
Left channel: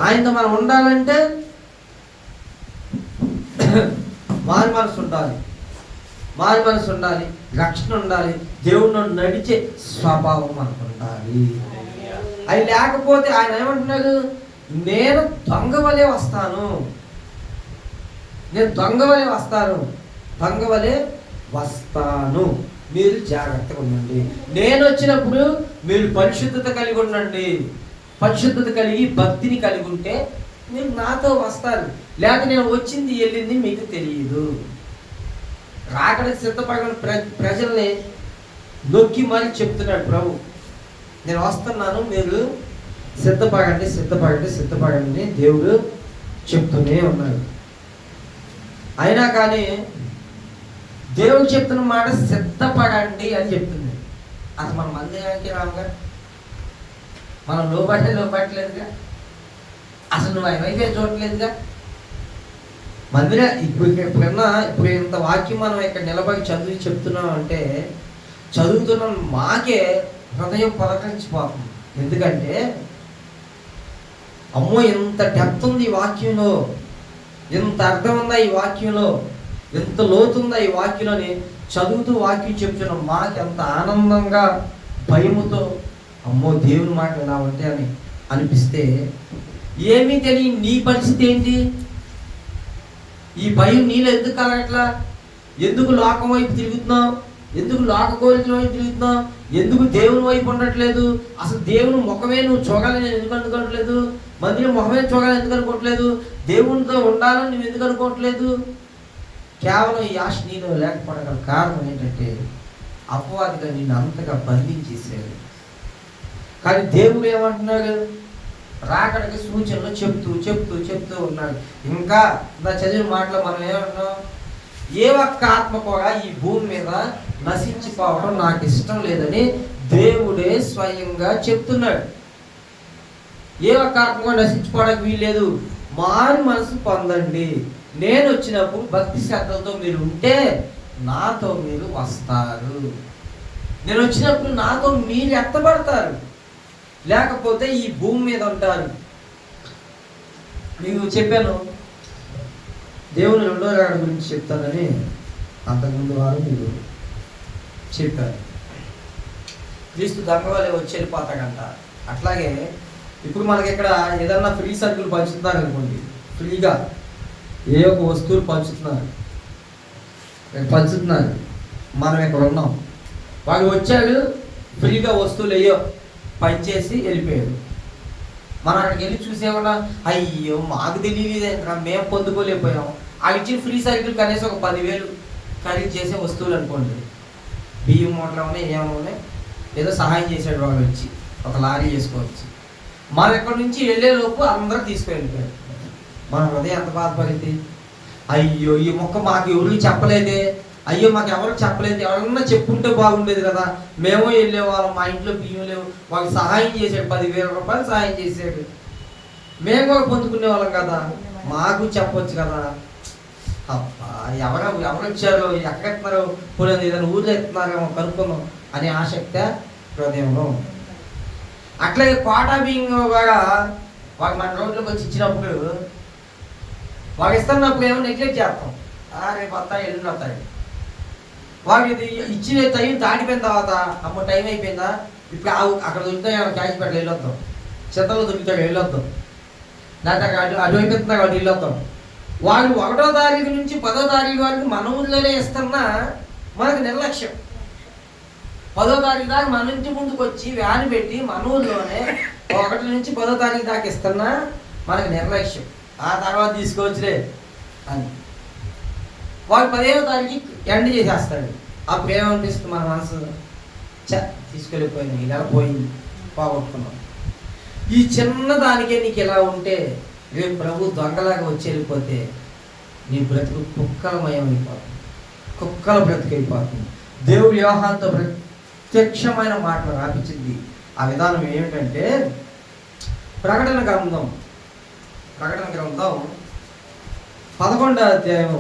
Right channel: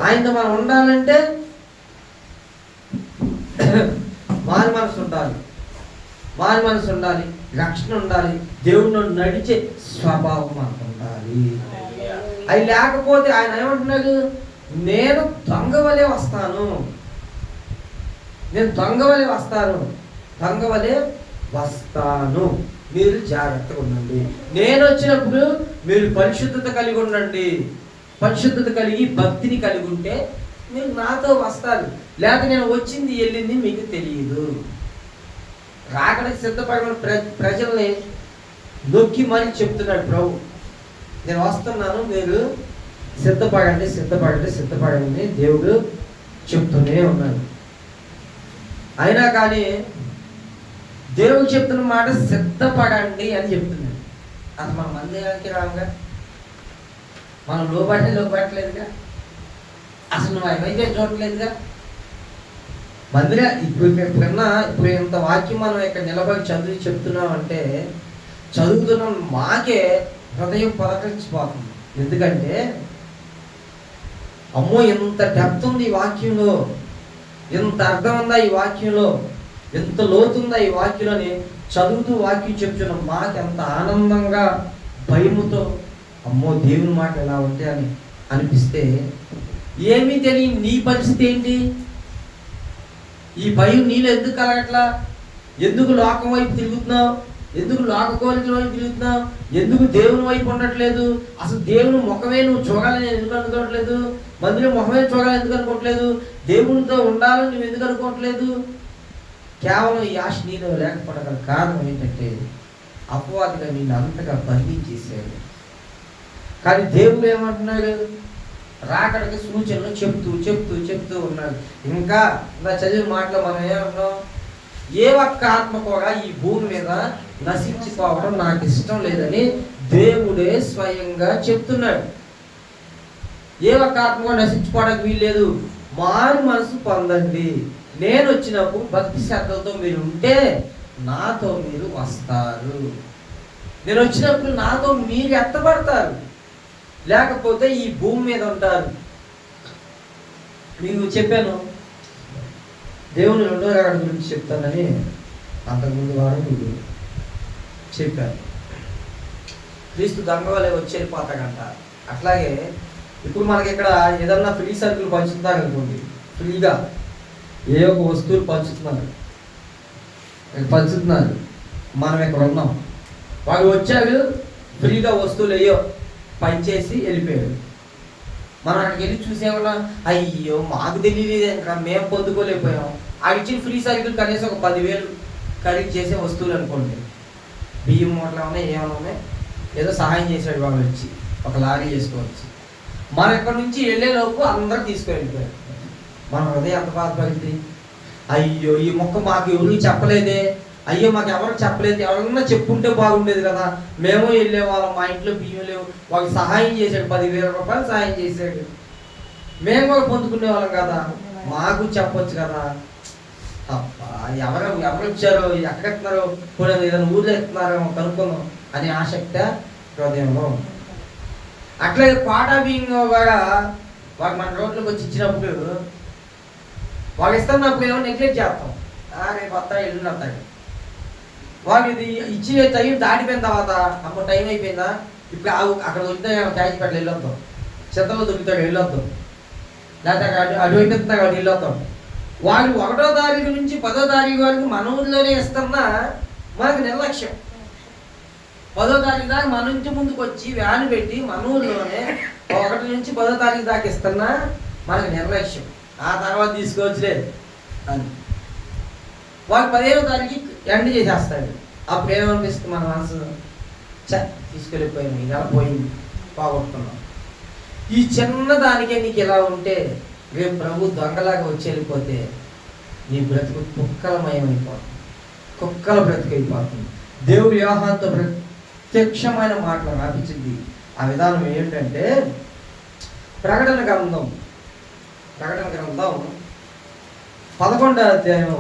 ఆయనతో మనం ఉండాలంటే మారు మనసు ఉండాలి, రక్షణ ఉండాలి, దేవుడు నడిచే స్వభావం మనకు ఉండాలి. అది లేకపోతే ఆయన ఏమంటున్నాడు? నేను దొంగ వలె వస్తాను, మీరు జాగ్రత్తగా ఉండండి. నేను వచ్చినప్పుడు మీరు పరిశుద్ధత కలిగి ఉండండి. పరిశుద్ధత కలిగి భక్తిని కలిగి ఉంటే మీరు నాతో వస్తారు. లేక నేను వచ్చింది వెళ్ళింది మీకు తెలియదు. రాకడానికి సిద్ధపడిన ప్రజల్ని నొక్కి మరీ చెప్తున్నాడు ప్రభు, నేను వస్తున్నాను, మీరు సిద్ధపడండి దేవుడు చెప్తూనే ఉన్నాడు. అయినా కానీ దేవుడు చెప్తున్న మాట సిద్ధపడండి అని చెప్తున్నాడు. అసలు మన మందిరానికి రాముగా మనం లోపట్టలేదుగా, అసలు నువ్వు ఏమైతే చూడలేదుగా. ఇప్పుడు ఇంత వాక్యం మనం ఇక్కడ నిలబడి చెప్తున్నాం అంటే చదువుతున్నాం మాకే హృదయం పలకరించిపోతుంది. ఎందుకంటే అమ్మో ఎంత డెప్త్ ఉంది ఈ వాక్యంలో, ఎంత అర్థం ఉందా ఈ వాక్యంలో, ఎంత లోతుందా ఈ వాక్యంలోని చదువుతూ వాక్యం చెప్తున్నాం. మాకు ఎంత ఆనందంగా భయముతో అమ్మో దేవుని మాట ఎలా ఉంటే అని అనిపిస్తే ఏమీ తెలియని నీ పరిస్థితి ఏంటి? ఈ భయం నీలో ఎందుకు కలగట్లా? ఎందుకు లోకం వైపు తిరుగుతున్నావు? ఎందుకు లోక కోరికల వైపు తిరుగుతున్నావు? ఎందుకు దేవుని వైపు ఉండట్లేదు? అసలు దేవుని ముఖమే నువ్వు చూడాలని ఎందుకు అనుకోవట్లేదు? మందిరం ముఖమే చూడాలని ఎందుకు అనుకోవట్లేదు? దేవునితో ఉండాలని నువ్వు ఎందుకు అనుకోవట్లేదు? కేవలం ఈ ఆశ నీలో లేకపోవడం కారణం ఏంటంటే అపవాదిగా నిన్ను అంతగా బంధించేసాడు. కానీ దేవుడు ఏమంటున్నాడు? రాకడికి సూచనలు చెప్తూ ఉన్నాడు. ఇంకా నా చదివిన మాటలో మనం ఏమన్నాం? ఏ ఒక్క ఆత్మ కూడా ఈ భూమి మీద నశించిపోవడం నాకు ఇష్టం లేదని దేవుడే స్వయంగా చెప్తున్నాడు. ఏ ఒక్క ఆత్మ కూడా నశించిపోవడానికి వీల్లేదు. మారు మనసు పొందండి. నేను వచ్చినప్పుడు భక్తి శ్రద్ధలతో మీరు ఉంటే నాతో మీరు వస్తారు. నేను వచ్చినప్పుడు నాతో మీరు ఎత్తబడతారు, లేకపోతే ఈ భూమి మీద ఉంటారు. మీకు చెప్పాను దేవుని రెండో రాకడ గురించి చెప్తానని అంతకుముందు వారం మీకు చెప్పాను. క్రీస్తు దొంగ వలె వచ్చి వెళ్ళిపోతాడంట. అట్లాగే ఇప్పుడు మనకి ఇక్కడ ఏదన్నా ఫ్రీ సరుకులు పంచుతున్నారనుకోండి, ఫ్రీగా ఏ ఒక వస్తువులు పంచుతున్నారు, మనం ఇక్కడ ఉన్నాం. వాళ్ళు వచ్చాడు, ఫ్రీగా వస్తువులు అయ్యో పనిచేసి వెళ్ళిపోయాడు. మనం అక్కడికి వెళ్ళి చూసేమన్నా, అయ్యో మాకు తెలియదు, మేము పొందుకోలేకపోయాం. ఆ ఇచ్చిన ఫ్రీ సైకిల్ కనీసం ఒక 10,000 ఖరీదు చేసే వస్తువులు అనుకోండి. బియ్యం మూటలు ఉన్నాయి, ఏమైనా ఉన్నాయి, ఏదో సహాయం చేశాడు వాళ్ళు వచ్చి ఒక లారీ చేసుకోవచ్చు. మనం ఎక్కడి నుంచి వెళ్ళేలోపు అందరూ తీసుకువెళ్ళిపోయారు. మన హృదయం ఎంత బాధపడింది? అయ్యో ఈ మొక్క మాకు ఎవరికి చెప్పలేదే, అయ్యో మాకు ఎవరికి చెప్పలేదు, ఎవరన్నా చెప్పుంటే బాగుండేది కదా, మేము వెళ్ళేవాళ్ళం, మా ఇంట్లో బియ్యం లేవు, వాళ్ళకి సహాయం చేశాడు, 10,000 రూపాయలు సహాయం చేశాడు, మేము కూడా పొందుకునే వాళ్ళం కదా, మాకు చెప్పొచ్చు కదా. అబ్బా ఎవరు వచ్చారో, ఎక్కడ ఎత్తున్నారో, పోనీ ఏదైనా ఊళ్ళో ఎత్తున్నారో కనుక్కుందాం అనే ఆసక్తి హృదయంలో ఉంది. అట్లాగే కోటా బియ్యం కూడా వాడు మన రోడ్లోకి వచ్చి ఇచ్చినప్పుడు వాడు ఇస్తున్నప్పుడు ఏమో నెగ్లెక్ట్ చేస్తాం. రేపు వస్తాయి, ఎల్లుండి వస్తాయి. వాడు ఇది ఇచ్చిన టైం దాటిపోయిన తర్వాత అమ్మ టైం అయిపోయిందా, ఇప్పుడు అక్కడ దొరుకుతాయి క్యాష్ పెట్టలు వెళ్ళొద్దాం, చెత్తలో దొరుకుతాడు వెళ్ళొద్దాం, లేకపోతే అక్కడ అటువైపు ఎత్తున్నాడు వాడు వెళ్ళొద్దాం. వాళ్ళు 1వ తారీఖు నుంచి 10వ తారీఖు వరకు మన ఊళ్ళోనే ఇస్తున్నా మనకు నిర్లక్ష్యం. 10వ తారీఖు దాకా మన ఇంటి ముందుకు వచ్చి వ్యాన్ పెట్టి మన ఊళ్ళోనే 1 నుంచి 10వ తారీఖు దాకా ఇస్తున్నా మనకు నిర్లక్ష్యం. ఆ తర్వాత తీసుకోవచ్చులే అని వాళ్ళు 15వ తారీఖు ఎండ్ చేసేస్తాడు. అప్పుడు ఏమనిపిస్తుంది మన మనసు? తీసుకెళ్ళిపోయినా, ఇలా పోయింది, పోగొట్టుకున్నాం. ఈ చిన్న దానికే నీకు ఇలా ఉంటే రేపు ప్రభు దొంగలాగా వచ్చి వెళ్ళిపోతే నీ బ్రతుకు కుక్కలమయమైపోతుంది, కుక్కల బ్రతుకైపోతుంది. దేవుడు యోహానుతో ప్రత్యక్షమైన మాటలు రాపించింది. ఆ విధానం ఏమిటంటే ప్రకటన గ్రంథం 11వ అధ్యాయం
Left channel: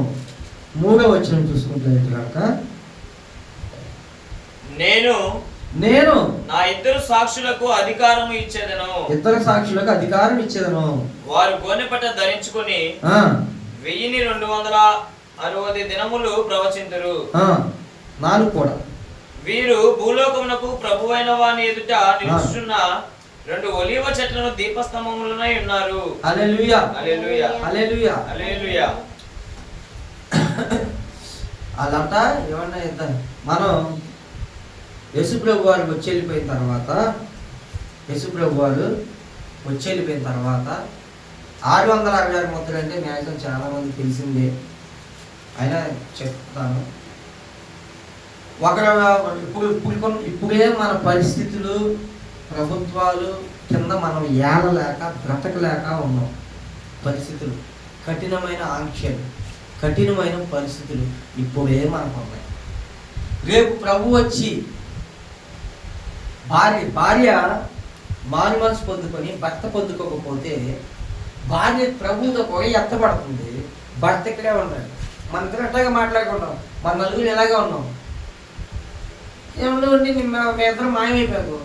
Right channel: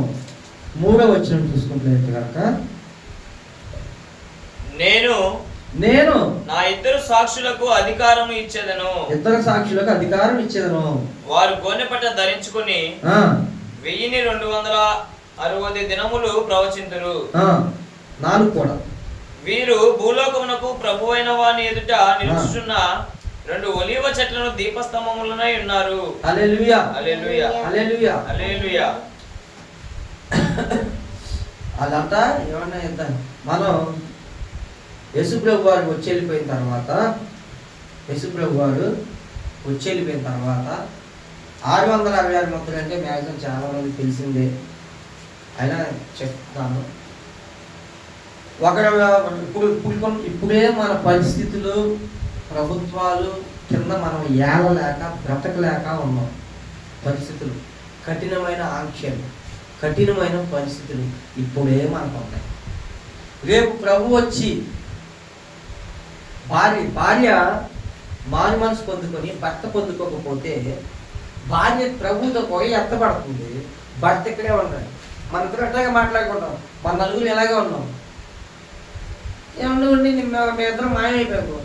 3వ వచనం చూసుకుంటే కనుక, నేను నా ఇద్దరు సాక్షులకు అధికారం ఇచ్చేదను, వారు గోనెపట్ట ధరించుకుని 1260 దినములు ప్రవచింతురు. 4 కూడా వీరు భూలోకమునకు ప్రభువైన వాని ఎదుట నిలుచున్న 2 ఒలీవ చెట్లను దీపస్తంభములనై ఉన్నారు. హల్లెలూయా, హల్లెలూయా, హల్లెలూయా, హల్లెలూయా. అలాంటా ఏమన్నా ఎంత మనం యేసుప్రభు వారు వచ్చి వెళ్ళిపోయిన తర్వాత 666 మొత్తం అంటే మ్యాక్సిమం చాలా మంది తెలిసిందే, అయినా చెప్తాను. ఇప్పుడే మన పరిస్థితులు, ప్రభుత్వాలు కింద మనం ఏలలేక బ్రతకలేక ఉన్నాం. పరిస్థితులు, కఠినమైన ఆంక్షలు, కఠినమైన పరిస్థితులు ఇప్పుడే మనకు ఉన్నాయి. రేపు ప్రభు వచ్చి భార్య మారు మనసు పొందుకొని భర్త పొందుకోకపోతే భార్య ప్రభుతో కూడా ఎత్తపడుతుంది, భర్త ఇక్కడే ఉంటాడు. మన ఇద్దరు అట్లాగే మాట్లాడుకుంటాం, మన నలుగురు ఎలాగే ఉన్నాం. ఏమన్నా మీ ఇద్దరు మాయమైపోయాము,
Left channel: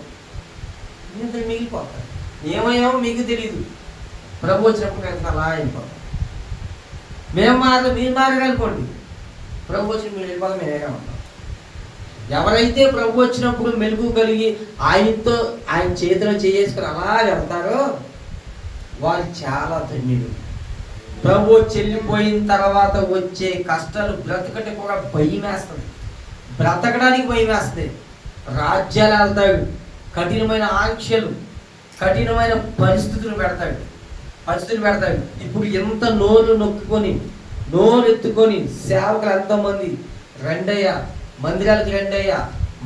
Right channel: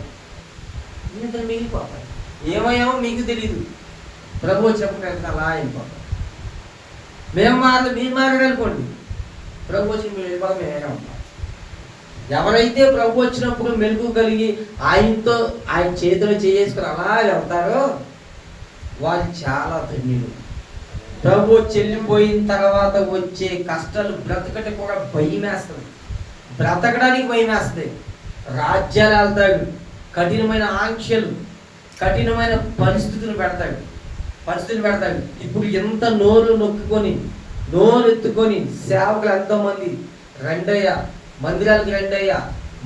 ఇంత మిగిలిపోతారు. ఏమయ్యామో మీకు తెలియదు, ప్రభు వచ్చినప్పుడు కనుక అలా అయిపోతాం. మీరు మారగనుకోండి, ప్రభు వచ్చి మీరు వెళ్ళిపోతాం, మేమే ఉంటాం. ఎవరైతే ప్రభు వచ్చినప్పుడు మెలుగు కలిగి ఆయనతో ఆయన చేతిలో చేసుకుని అలా వెళ్తారో వాళ్ళు చాలా ధన్యులు. ప్రభు చెల్లిపోయిన తర్వాత వచ్చే కష్టాలు బ్రతకటి కూడా భయం వేస్తుంది, బ్రతకడానికి భయం వేస్తుంది. రాజ్యాలు వెళ్తాడు, కఠినమైన ఆంక్షలు, కఠినమైన పరిస్థితులు పెడతాడు. ఇప్పుడు ఎంత నోరు నొక్కుకొని నోరు ఎత్తుకొని సేవకులు ఎంతోమంది రండయ్యా, మందిరాలకు రండయ్యా,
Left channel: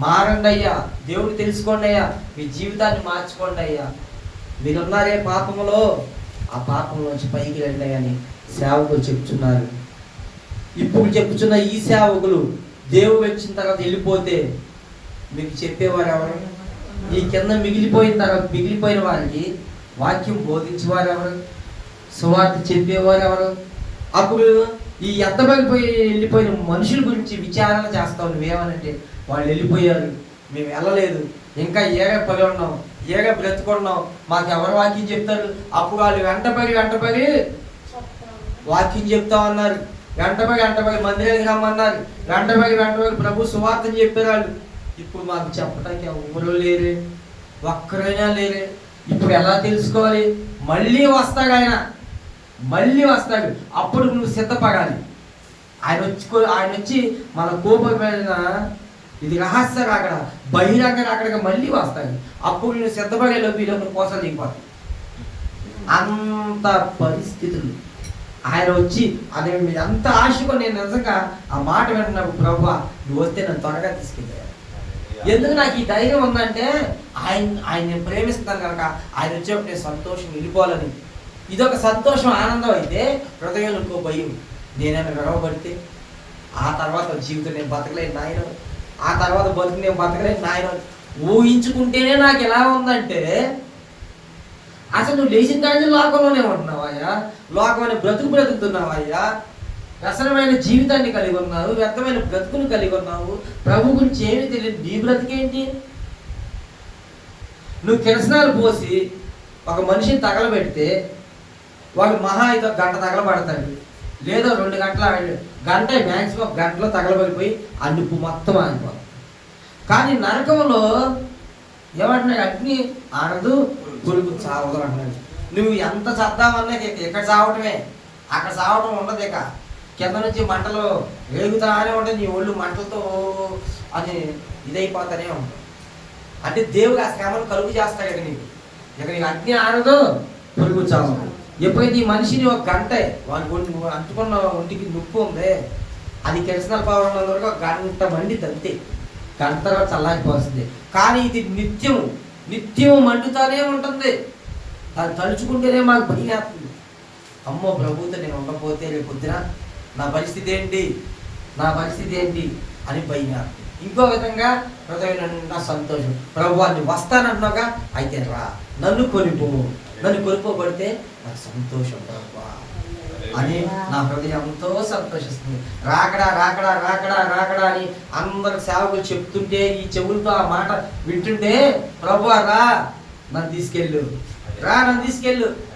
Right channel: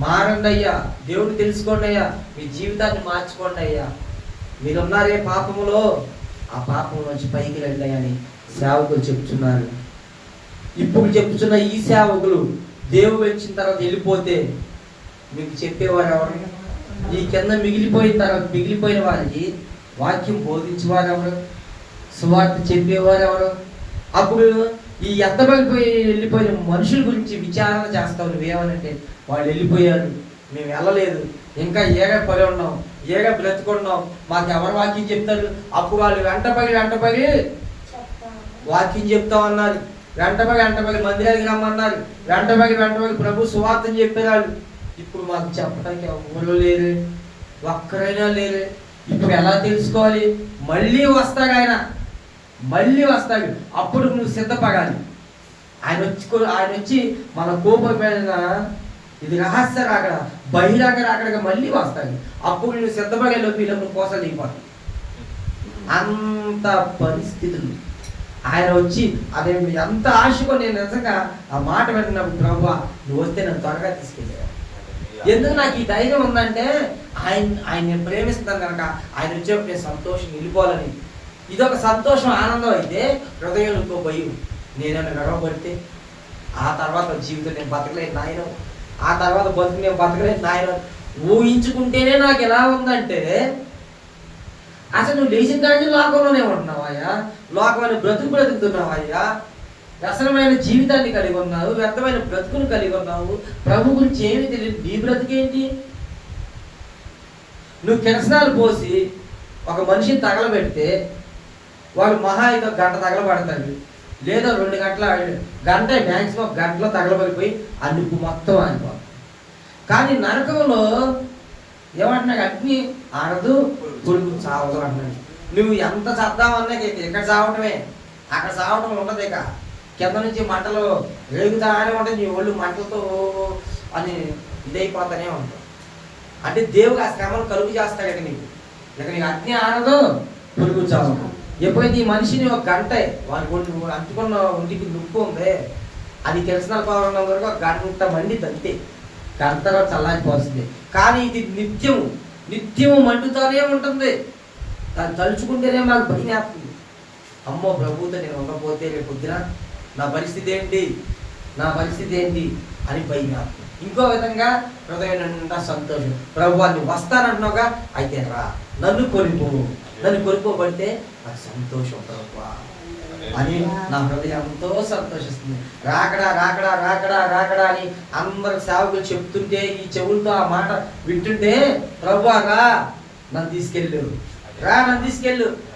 మారండి అయ్యా, దేవుడు తెలుసుకోండి అయ్యా, మీ జీవితాన్ని మార్చుకోండి అయ్యా, మీరున్నారే పాపములో, ఆ పాపం నుంచి పైకి రండి అని సేవకులు చెప్తున్నారు. ఇప్పుడు చెప్తున్న ఈ సేవకులు దేవుడు వచ్చిన తర్వాత వెళ్ళిపోతే మీకు చెప్పేవారు ఎవరు? ఈ కింద మిగిలిపోయిన వారికి వాక్యం బోధించేవారు ఎవరు? సువార్త చెప్పేవారు ఎవరు? అప్పుడు ఈ వెళ్ళిపోయిన మనుషుల గురించి విచారణ చేస్తావు. నువ్వేమనంటే వాళ్ళు వెళ్ళిపోయారు, మేము వెళ్ళలేదు, ఇంకా ఏగా పడి ఉన్నాం, ఏగా బ్రతుకున్నాం, మాకు ఎవరు వాక్యం చెప్తారు? అప్పుడు వాళ్ళు వెంటపడి వాక్యం చెప్తామన్నారు, వెంటపడి మందిరానికి రమ్మన్నారు, వెంటపడి ప్రభు సువార్తని చెప్పారు వాళ్ళు. ఇప్పుడు మాకు చెప్పడానికి ఎవరు లేరు, ఒక్కరైనా లేరు. ఇప్పుడు ఎలా తెలుసుకోవాలి? మళ్ళీ వస్తాడు ఆయన, అప్పుడు నువ్వు సిద్ధపడాలి. ఆయన వచ్చి మన కోపమైన ఇది రహస్య రాకడ, బహిరంగ రాకడగా మళ్ళీ వస్తాడు. అప్పుడు నువ్వు సిద్ధపడేలో వీళ్ళకు కోసలు దిగిపోతావు. అంత పరిస్థితులు ఆయన వచ్చి అదే ఎంత ఆశకో. నేను నిజంగా ఆ మాట వింటున్నప్పుడు ప్రభువా నువ్వు వస్తే నన్ను త్వరగా తీసుకెళ్ళాను. ఎందుకు నాకు ఈ ధైర్యం ఉందంటే ఆయన నేను ప్రేమిస్తున్నాను కనుక ఆయన వచ్చేప్పుడు నేను సంతోషం వెళ్ళిపోవాలని. ఇదొక సంతోషం, ఆనందం. అయితే హృదయంలో ఇంకో భయం, నేనైనా గొడవపడితే ఆ తర్వాత జీవితం నేను బతకలేను నాయన, ఆ తర్వాత బతుకు నేను బతకలేను నాయన ఊహించుకుంటేనే నాకు ఎలా ఉందంటే, అసలు నువ్వు లేచిన కానీ లోకంలోనే ఉంటున్నావయ్యా, లోకమైన బ్రతుకుతున్నావయ్యా, వ్యసనమైన జీవితాన్ని కలిగి ఉన్నావు, వ్యర్థమైన బ్రతుకుని కలిగి ఉన్నావు, ప్రభు గురించి ఏమీ తెలియదు. నీ బ్రతికేంటి? నువ్వు కిరసనాలు పోసి ఒక మనిషిని తగలబెడితే వాడు మహా అయితే గంట తగలబడతాడు, లేదా 2 గంటల గంట, మ్యాక్సిమం గంటలో తగలబడిపోయి ఆ నిప్పు మొత్తం ఆగిపోతుంది. కానీ నరకంలో ఏమంటున్నాడు? అగ్ని ఆడదు, పురుగు చావదు అంటున్నాడు. నువ్వు ఎంత చద్దామన్నా ఇక్కడ చావటమే, అక్కడ చావటం ఉండదు. ఇక కింద నుంచి మంటలు రేగుతానే ఉంటుంది, నీ ఒళ్ళు మంటలతో అది ఇదైపోతానే ఉంటావు. అంటే దేవుడు ఆ శ్రమను కలుగు చేస్తాడు. ఇక నీకు అగ్ని ఆడదు, పురుగు చావదు. ఎప్పుడైతే ఈ మనిషిని ఒక గంట వాడిని అంటుకున్న ఒంటికి నొప్పి ఉంది, అది కిరసనాల పవర్ ఉన్న వరకు ఒక గంట మండి తంతే, గంటగా చల్లారిపోతుంది. కానీ ఇది నిత్యము మండుతానే ఉంటుంది. దాన్ని తలుచుకుంటేనే మాకు భయం వేస్తుంది. అమ్మో ప్రభువుతో నేను ఉండకపోతే రేపు పొద్దున నా పరిస్థితి ఏంటి అని భయం వేస్తుంది. ఇంకో విధంగా హృదయం నిండా సంతోషం. ప్రభు నువ్వు వస్తానంటున్నావుగా, అయితే రా, నన్ను కొనుక్కోబడితే నాకు సంతోషం ప్రభు అని నా హృదయం ఎంతో సంతోషిస్తుంది. రాకడా అని అందరు సేవకులు చెప్తుంటే ఈ చెవులతో ఆ మాట వింటుంటే, ప్రభు రా నన్ను తీసుకెళ్ళు,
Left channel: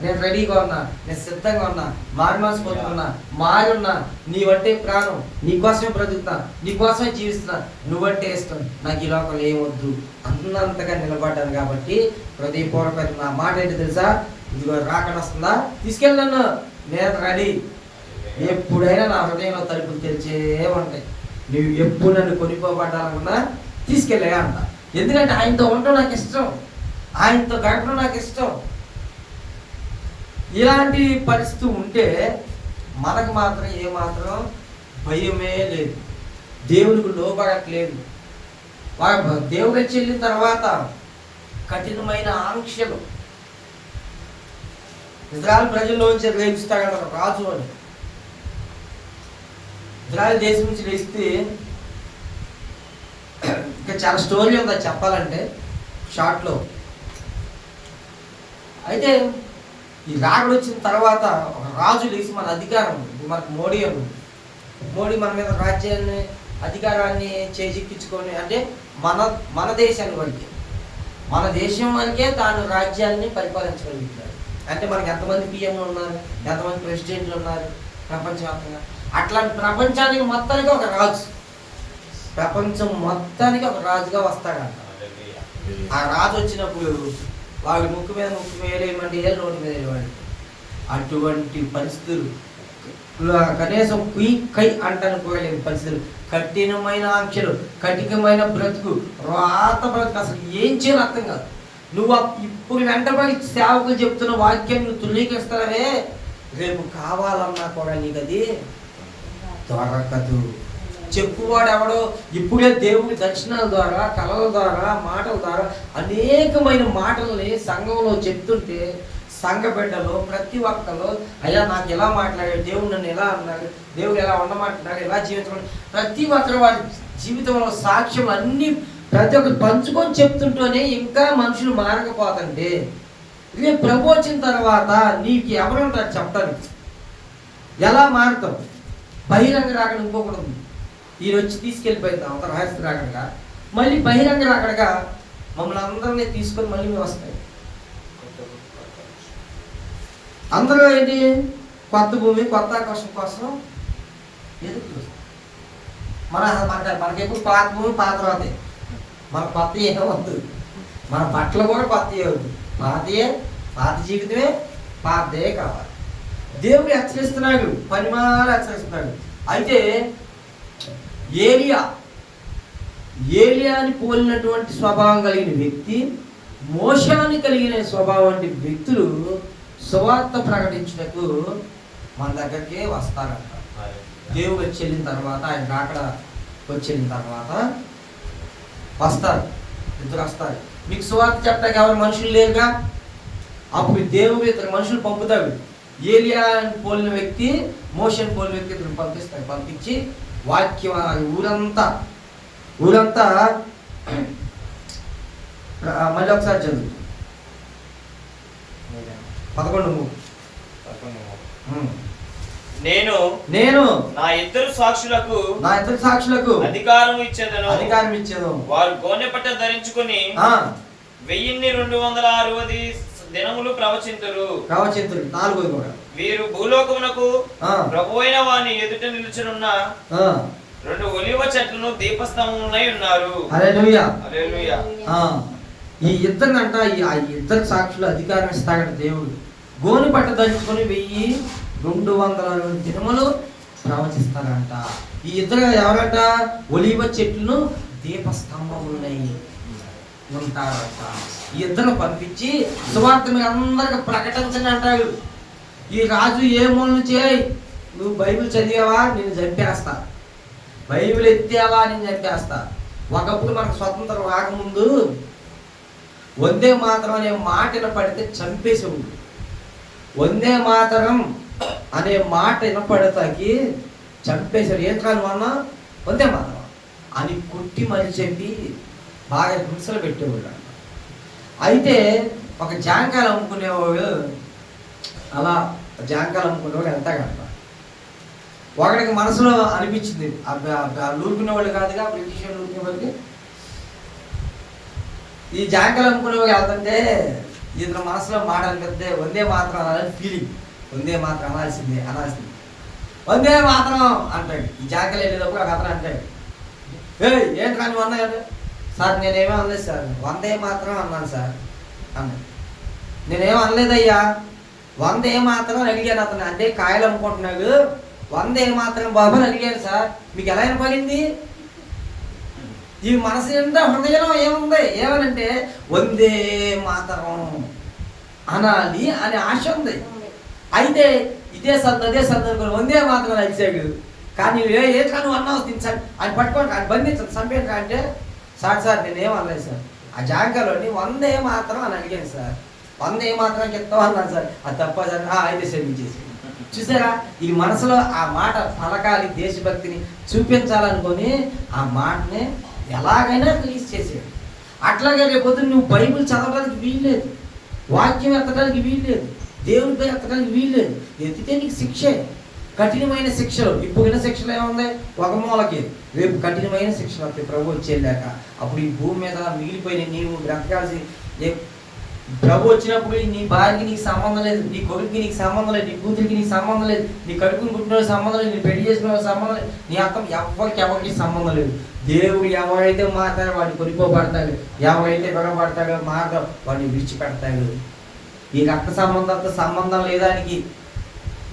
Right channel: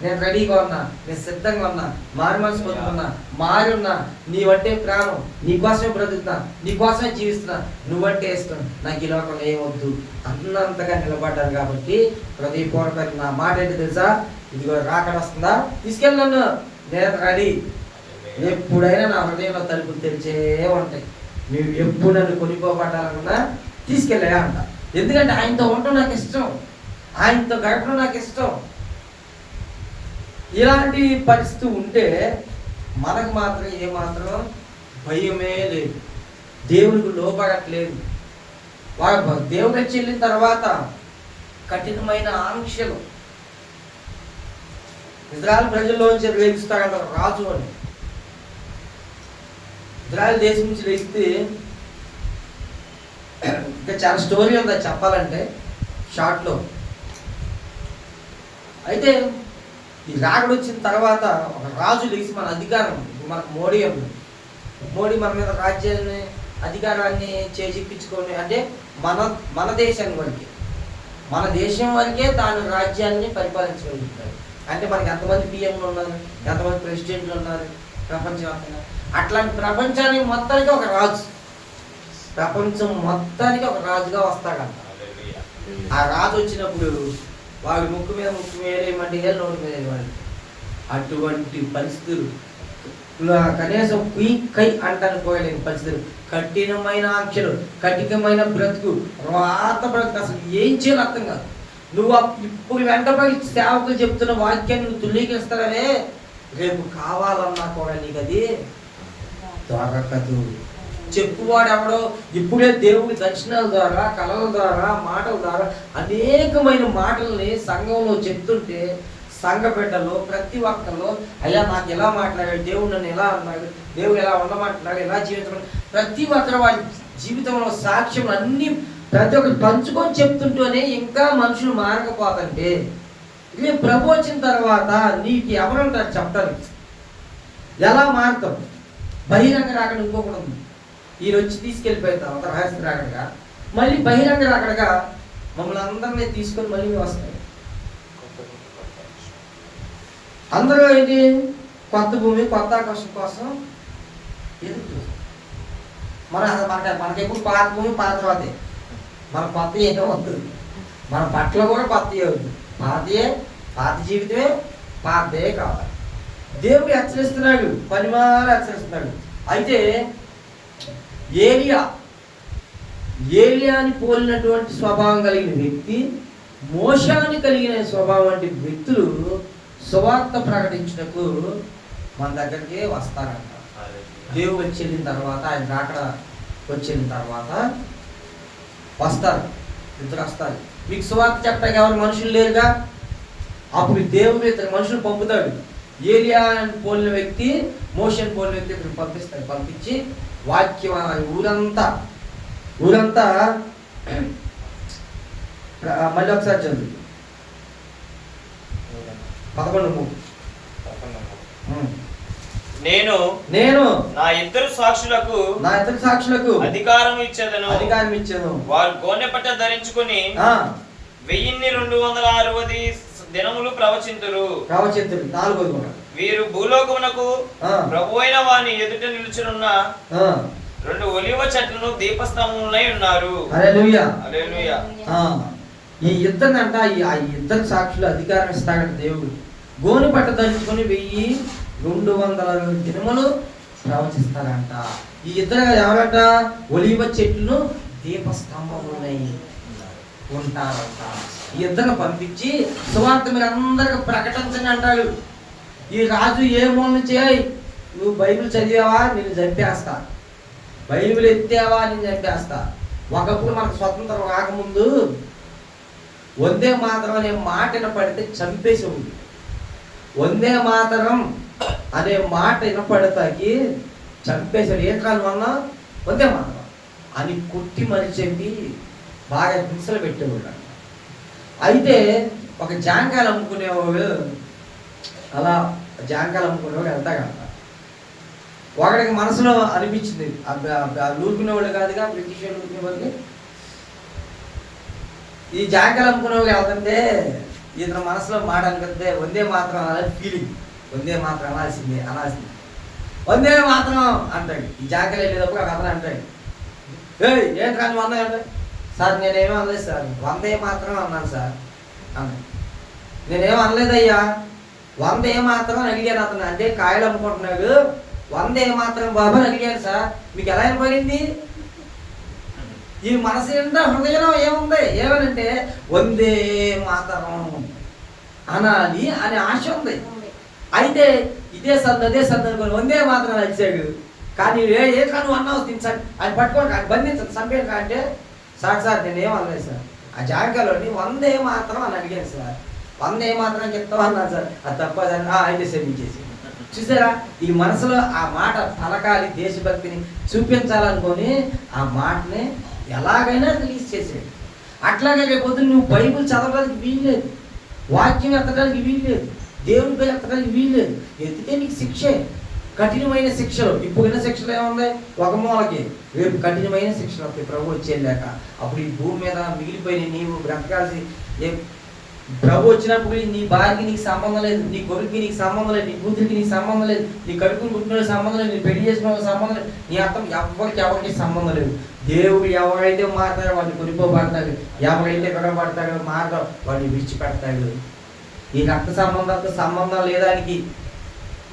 నేను రెడీగా ఉన్నా, నేను సిద్ధంగా ఉన్నా, మారి మనసు పొందుకున్నా, మారున్నా, నీవంటే ప్రాణం, నీకోసమే బ్రతుకుతున్నా, నీకోసమే జీవిస్తున్నా, నువ్వంటే ఇష్టం, నాకు ఈ లోకంలో ఏమొద్దు అన్నంతగా నిలబడ్డాను. కాబట్టి హృదయపూర్వక నా మాట ఏంటి తెలుసా? ఇదిగో రాకడ వస్తుందా, తీసుకెళ్ళి నన్ను, నేను రెడీ. ఎప్పుడైనా నా హృదయంలో తలుపులు తెరిచే ఉంటాయి. నువ్వు ఎప్పుడు నన్ను కొనిపోబడ్డాలనుకున్నా తీసుకెళ్ళా అంట. ఎందుకంటే ఆయనతో ఉండటం నాకు ఇష్టం, ఆయనతో గడపడం నాకు ఇష్టం. ఇలాంటి పరిస్థితి ఉంటే మనకు మాత్రం ఏమాత్రం భయమే లేదు, దేవునికి లోపడట్లేదు. దేవుడు చెల్లిన తర్వాత కఠినమైన ఆంక్షలు ఇజ్రాయెల్ ప్రజల్లోంచి రేపిస్తాడంటారు రాజు అని. ఇజ్రాయెల్ దేశం నుంచి లేస్తే ఇంకా చాలా స్టోరీ ఉంది చెప్పాలంటే షార్ట్లో. అయితే ఈ రాకడ వచ్చిన తర్వాత ఒక రాజు లేచి మన అధికారం, మనకు మోడీ మన మీద రాజ్యాన్ని అధికారాన్ని చేజిక్కించుకొని, అంటే మన దేశాన్ని వరకే, మన దేశం వరకే తాను రాజ్యాన్ని పరిపాలించగలుగుతాడు. అంటే మనకి ఎంతమంది పిఎంలు ఉన్నారు, ఎంతమంది ప్రెసిడెంట్లు ఉన్నారు ప్రపంచవ్యాప్తంగా. అట్లాంటి ప్రపంచానికి మొత్తానికి ఒక రాజు, ప్రపంచం మొత్తానికి ఒక రాజుగా వస్తాడంట. ఆ రాజు వచ్చినప్పుడు వాడి ముక్కు మీద ముక్కు వేరేయమంటే ఏ నోటి మీద వేయవాడి. అటువంటి పరిస్థితులు, కనీసం కుయ్ కై అంటాను పోయలేని పరిస్థితులు, కఠినమైన ఆంక్షలు, కఠినమైన బ్రతుకు, రాత బ్రతుకు, అసలు ఏం చేయాలి అర్థం కాదు. నువ్వు ఇప్పుడు వెంటబడి సేవకులు చెప్తున్న వాక్యాన్ని నువ్వు తుల్లీకరిస్తావే, రేపు కావాలన్నా కూడా నీకు అది దొరకదు. చెప్పువాడు ఎవడో ఇప్పుడే దేవుని దర్శనాల ద్వారా, కళల ద్వారా, మాటల ద్వారా అనేకమైన మాటల్ని సంఘంలో చెప్తుంటే సంఘ బిడ్డలు ప్రతి ఒక్కళ్ళు అయ్యా నాకు ఎలా మాట్లాడాడు, దేవుడు నన్ను ఎలా అన్నాడు, దేవుడు ఎలా ఉండమంటున్నాడు, ఎలా జీవించమని ప్రతి ఒక్కరు వారి జీవితంలో సాక్ష్యం అన్నీ ప్రతి ఒక్కరు పంచుకొని చెప్తుంటూనే ఇంకా మనుషులు మారకపోతుంటే రేపు ప్రభు వచ్చిన తర్వాత నీకు ఎవరుంటారు చెప్పడానికి? ఎలా మారుతావు? బహిరంగ రాకడ ఇంకొకటి ఉంది. ఈయన వచ్చి తీసుకెళ్ళిపోయిన తర్వాత రహస్య రాకడగా మళ్ళీ బహిరంగ రాకడగా మమ్మల్ని అందరినీ తీసుకొని మళ్ళీ మేము వస్తాయి. అందరూ ఏంటి? కొత్త భూమి, కొత్త ఆకాశం కోసం ఎదురు చూస్తాం. మనకెప్పుడు పాత భూమి, పాత తర్వాతే. మన కొత్త ఏమవద్దు, మన బట్టలు కూడా కొత్త వద్దు. పాత జీవితమే పాతదే కావాలి. దేవుడు హెచ్చరిస్తున్నాడు, పనిమాల హెచ్చరిస్తున్నాడు. అయితే ఏలియాని పోలినటువంటి స్వభావం కలిగిన వ్యక్తి, మోషాని కలిగిన స్వభావం వంటి వ్యక్తులు సువార్త ప్రకటించుటకు మన దగ్గరికి వస్తారంట. దేవుడు వచ్చి వెళ్ళిన తర్వాత, ఆయన రాకడ వచ్చి వెళ్ళిన తర్వాత వస్తారు, ఇద్దరు వస్తారు. మీకు సువార్త చెప్పడానికి ఎవరు మనుషులు లేరుగా, అప్పుడు దేవుడు ఇద్దరు మనుషులు పంపుతాడు. ఏలియా పోలిన వ్యక్తి, మోషన్ పోలిన వ్యక్తి ఇద్దరు పంపిస్తాడు. పంపించి వాక్యం ఊరంతా మళ్ళీ ఒకసారి చదువు 11. నేను నా ఇద్దరు సాక్షులకు అధికారం ఇచ్చేదను. వారు గోనె పట్ట ధరించుకొని 1260 దినములు ప్రవచింతురు. 4 వీరు భూలోకమునకు ప్రభువైన వాని ఎదుట నిలుచునున్న 2 ఒలివ చెట్లను దీపస్తంభములై ఉన్నారు. హల్లెలూయా. హల్లెలూయా. ఈ ఇద్దరినంట, ఆ ఇద్దరు సాక్షులు అధికారం ఇస్తాడట దేవుడు. గోని పట్ట ధరించుకొని 1260 దినములు ప్రవచిస్తారంట. ఈ ఇద్దరు ఎవరంట? ఒలివ చెట్లను దీపస్తంభములై ఉంటారంట. ఈ ఇద్దరు పంపించి సువార్త మీరు అందరికి ప్రకటించండి అంటాడు. ఈ రాజు ఏ మూల నుంచి, నువ్వు బైబిల్ చదివావా నేను చంపేస్తా, బైబిల్ ఎత్తావా నేను చంపేస్తా. ఒకప్పుడు మనకు స్వతంత్రం రాకముందు వందే మాతరం అనే మాట వినపడితే చంపేసేవాడు. వందే మాతరం అనే మాట వినపడతాకి చంపేశాడు. ఏం కాదు మొన్న వందే మాతరం అని కొట్టి మళ్ళీ చెప్పి బాగా హింసలు పెట్టేవాడు. అయితే ఒక జాంకాయలు అమ్ముకునేవాడు, అలా జాంకాయలు అమ్ముకునేవాడు వెళ్తాగట. ఒకడికి మనసులో అనిపించింది, ఊరుకునేవాళ్ళు కాదుగా, బ్రిటిష్ వాళ్ళు ఊరుకునేవాళ్ళకి, ఈ జాంకాయలు అమ్ముకునేవాడు వెళ్తుంటే ఇతను మనసులో మాట అనిపిస్తే వందే మాత్రం అనాలని ఫీలింగ్, వందే మాత్రం అనాల్సిందే వందే మాత్రం అంటాడు. ఈ జాంకాయలు వెళ్ళేటప్పుడు ఒక అతను అంటాడు, ఏంటి కానీ అన్నాడు సార్, నేనేమో అనలేదు సార్, వందే మాత్రం అన్నాను సార్ అన్నాడు. నేనేమో అనలేదయ్యా, వందే మాత్రం అడిగాను అతను. అంటే కాయలు అమ్ముకుంటున్నాడు, వందే మాత్రం బాబు అడిగాను సార్, మీకు ఎలా వినపడింది? ఈ మనసు ఏంటో హృదయంలో ఏముంది, ఏమనంటే వందే మాతరం అనాలి అనే ఆశ ఉంది. అయితే ఇదే సందర్భం వందే మాత్రం అడిచాడు. కానీ ఏ కాను అన్నావు సార్, ఆయన పట్టుకోండి, ఆయన బంధించండి, చంపేయండి అంటే సార్ నేనేం అనలేదు సార్, ఆ జాగాలోని వందే మాత్రం అని అడిగాను సార్, వందే మాత్రం చెప్తావు అన్నాను సార్, అది తప్ప సార్ అయితే శ్రమించేసి. చూసారా, ఈ మనసులో ఆ మాట పలకాలి, దేశభక్తిని చూపించాలనుకొని ఆ మాటని ఎలాగైనా రిలీజ్ చేసేది. అట్లాగే రేపొద్దు నువ్వు బైబిల్ చదవడానికి వీల్లేదు, వాక్యం ఎత్తడానికి వీల్లేదు, దేవుడి పేరు ఎత్తడానికి వీల్లేదు. ఎత్తితే నీకు శిక్షే, కఠినమైన శిక్షలు. ఇప్పుడు శిక్షలు ఏముంది? ఒక మూలకి, రేపు కఠినమైన శిక్షలు వస్తాయి ప్రభు వచ్చేళ్ళాక. అప్పుడు ఈ భూమి మీద మిగిలిపోయిన నీవు బ్రతకాల్సి ప్రభు వచ్చినప్పుడు నీ భార్యకి నీకు సంబంధం లేదు, నీ కొడుకుకి నీకు సంబంధం లేదు, నీ కూతురికి నీకు సంబంధం లేదు, నీ కడుపుని పుట్టిన సంబంధం లేదు, నీ పెళ్లి చేసిన సంబంధం లేదు, నీ అర్థం ఎవరికి సంబంధం లేదు. దేవుడు ఎవరైతే మాట్లాడో వాడిని కొనిపోబడతాడు, ఎవరైతే గొడవపడతాడో మాట్లాడో వాడిని విడిచిపెడతాడు. ఈ రక్త సంబంధంతో సంబంధం లేదానికి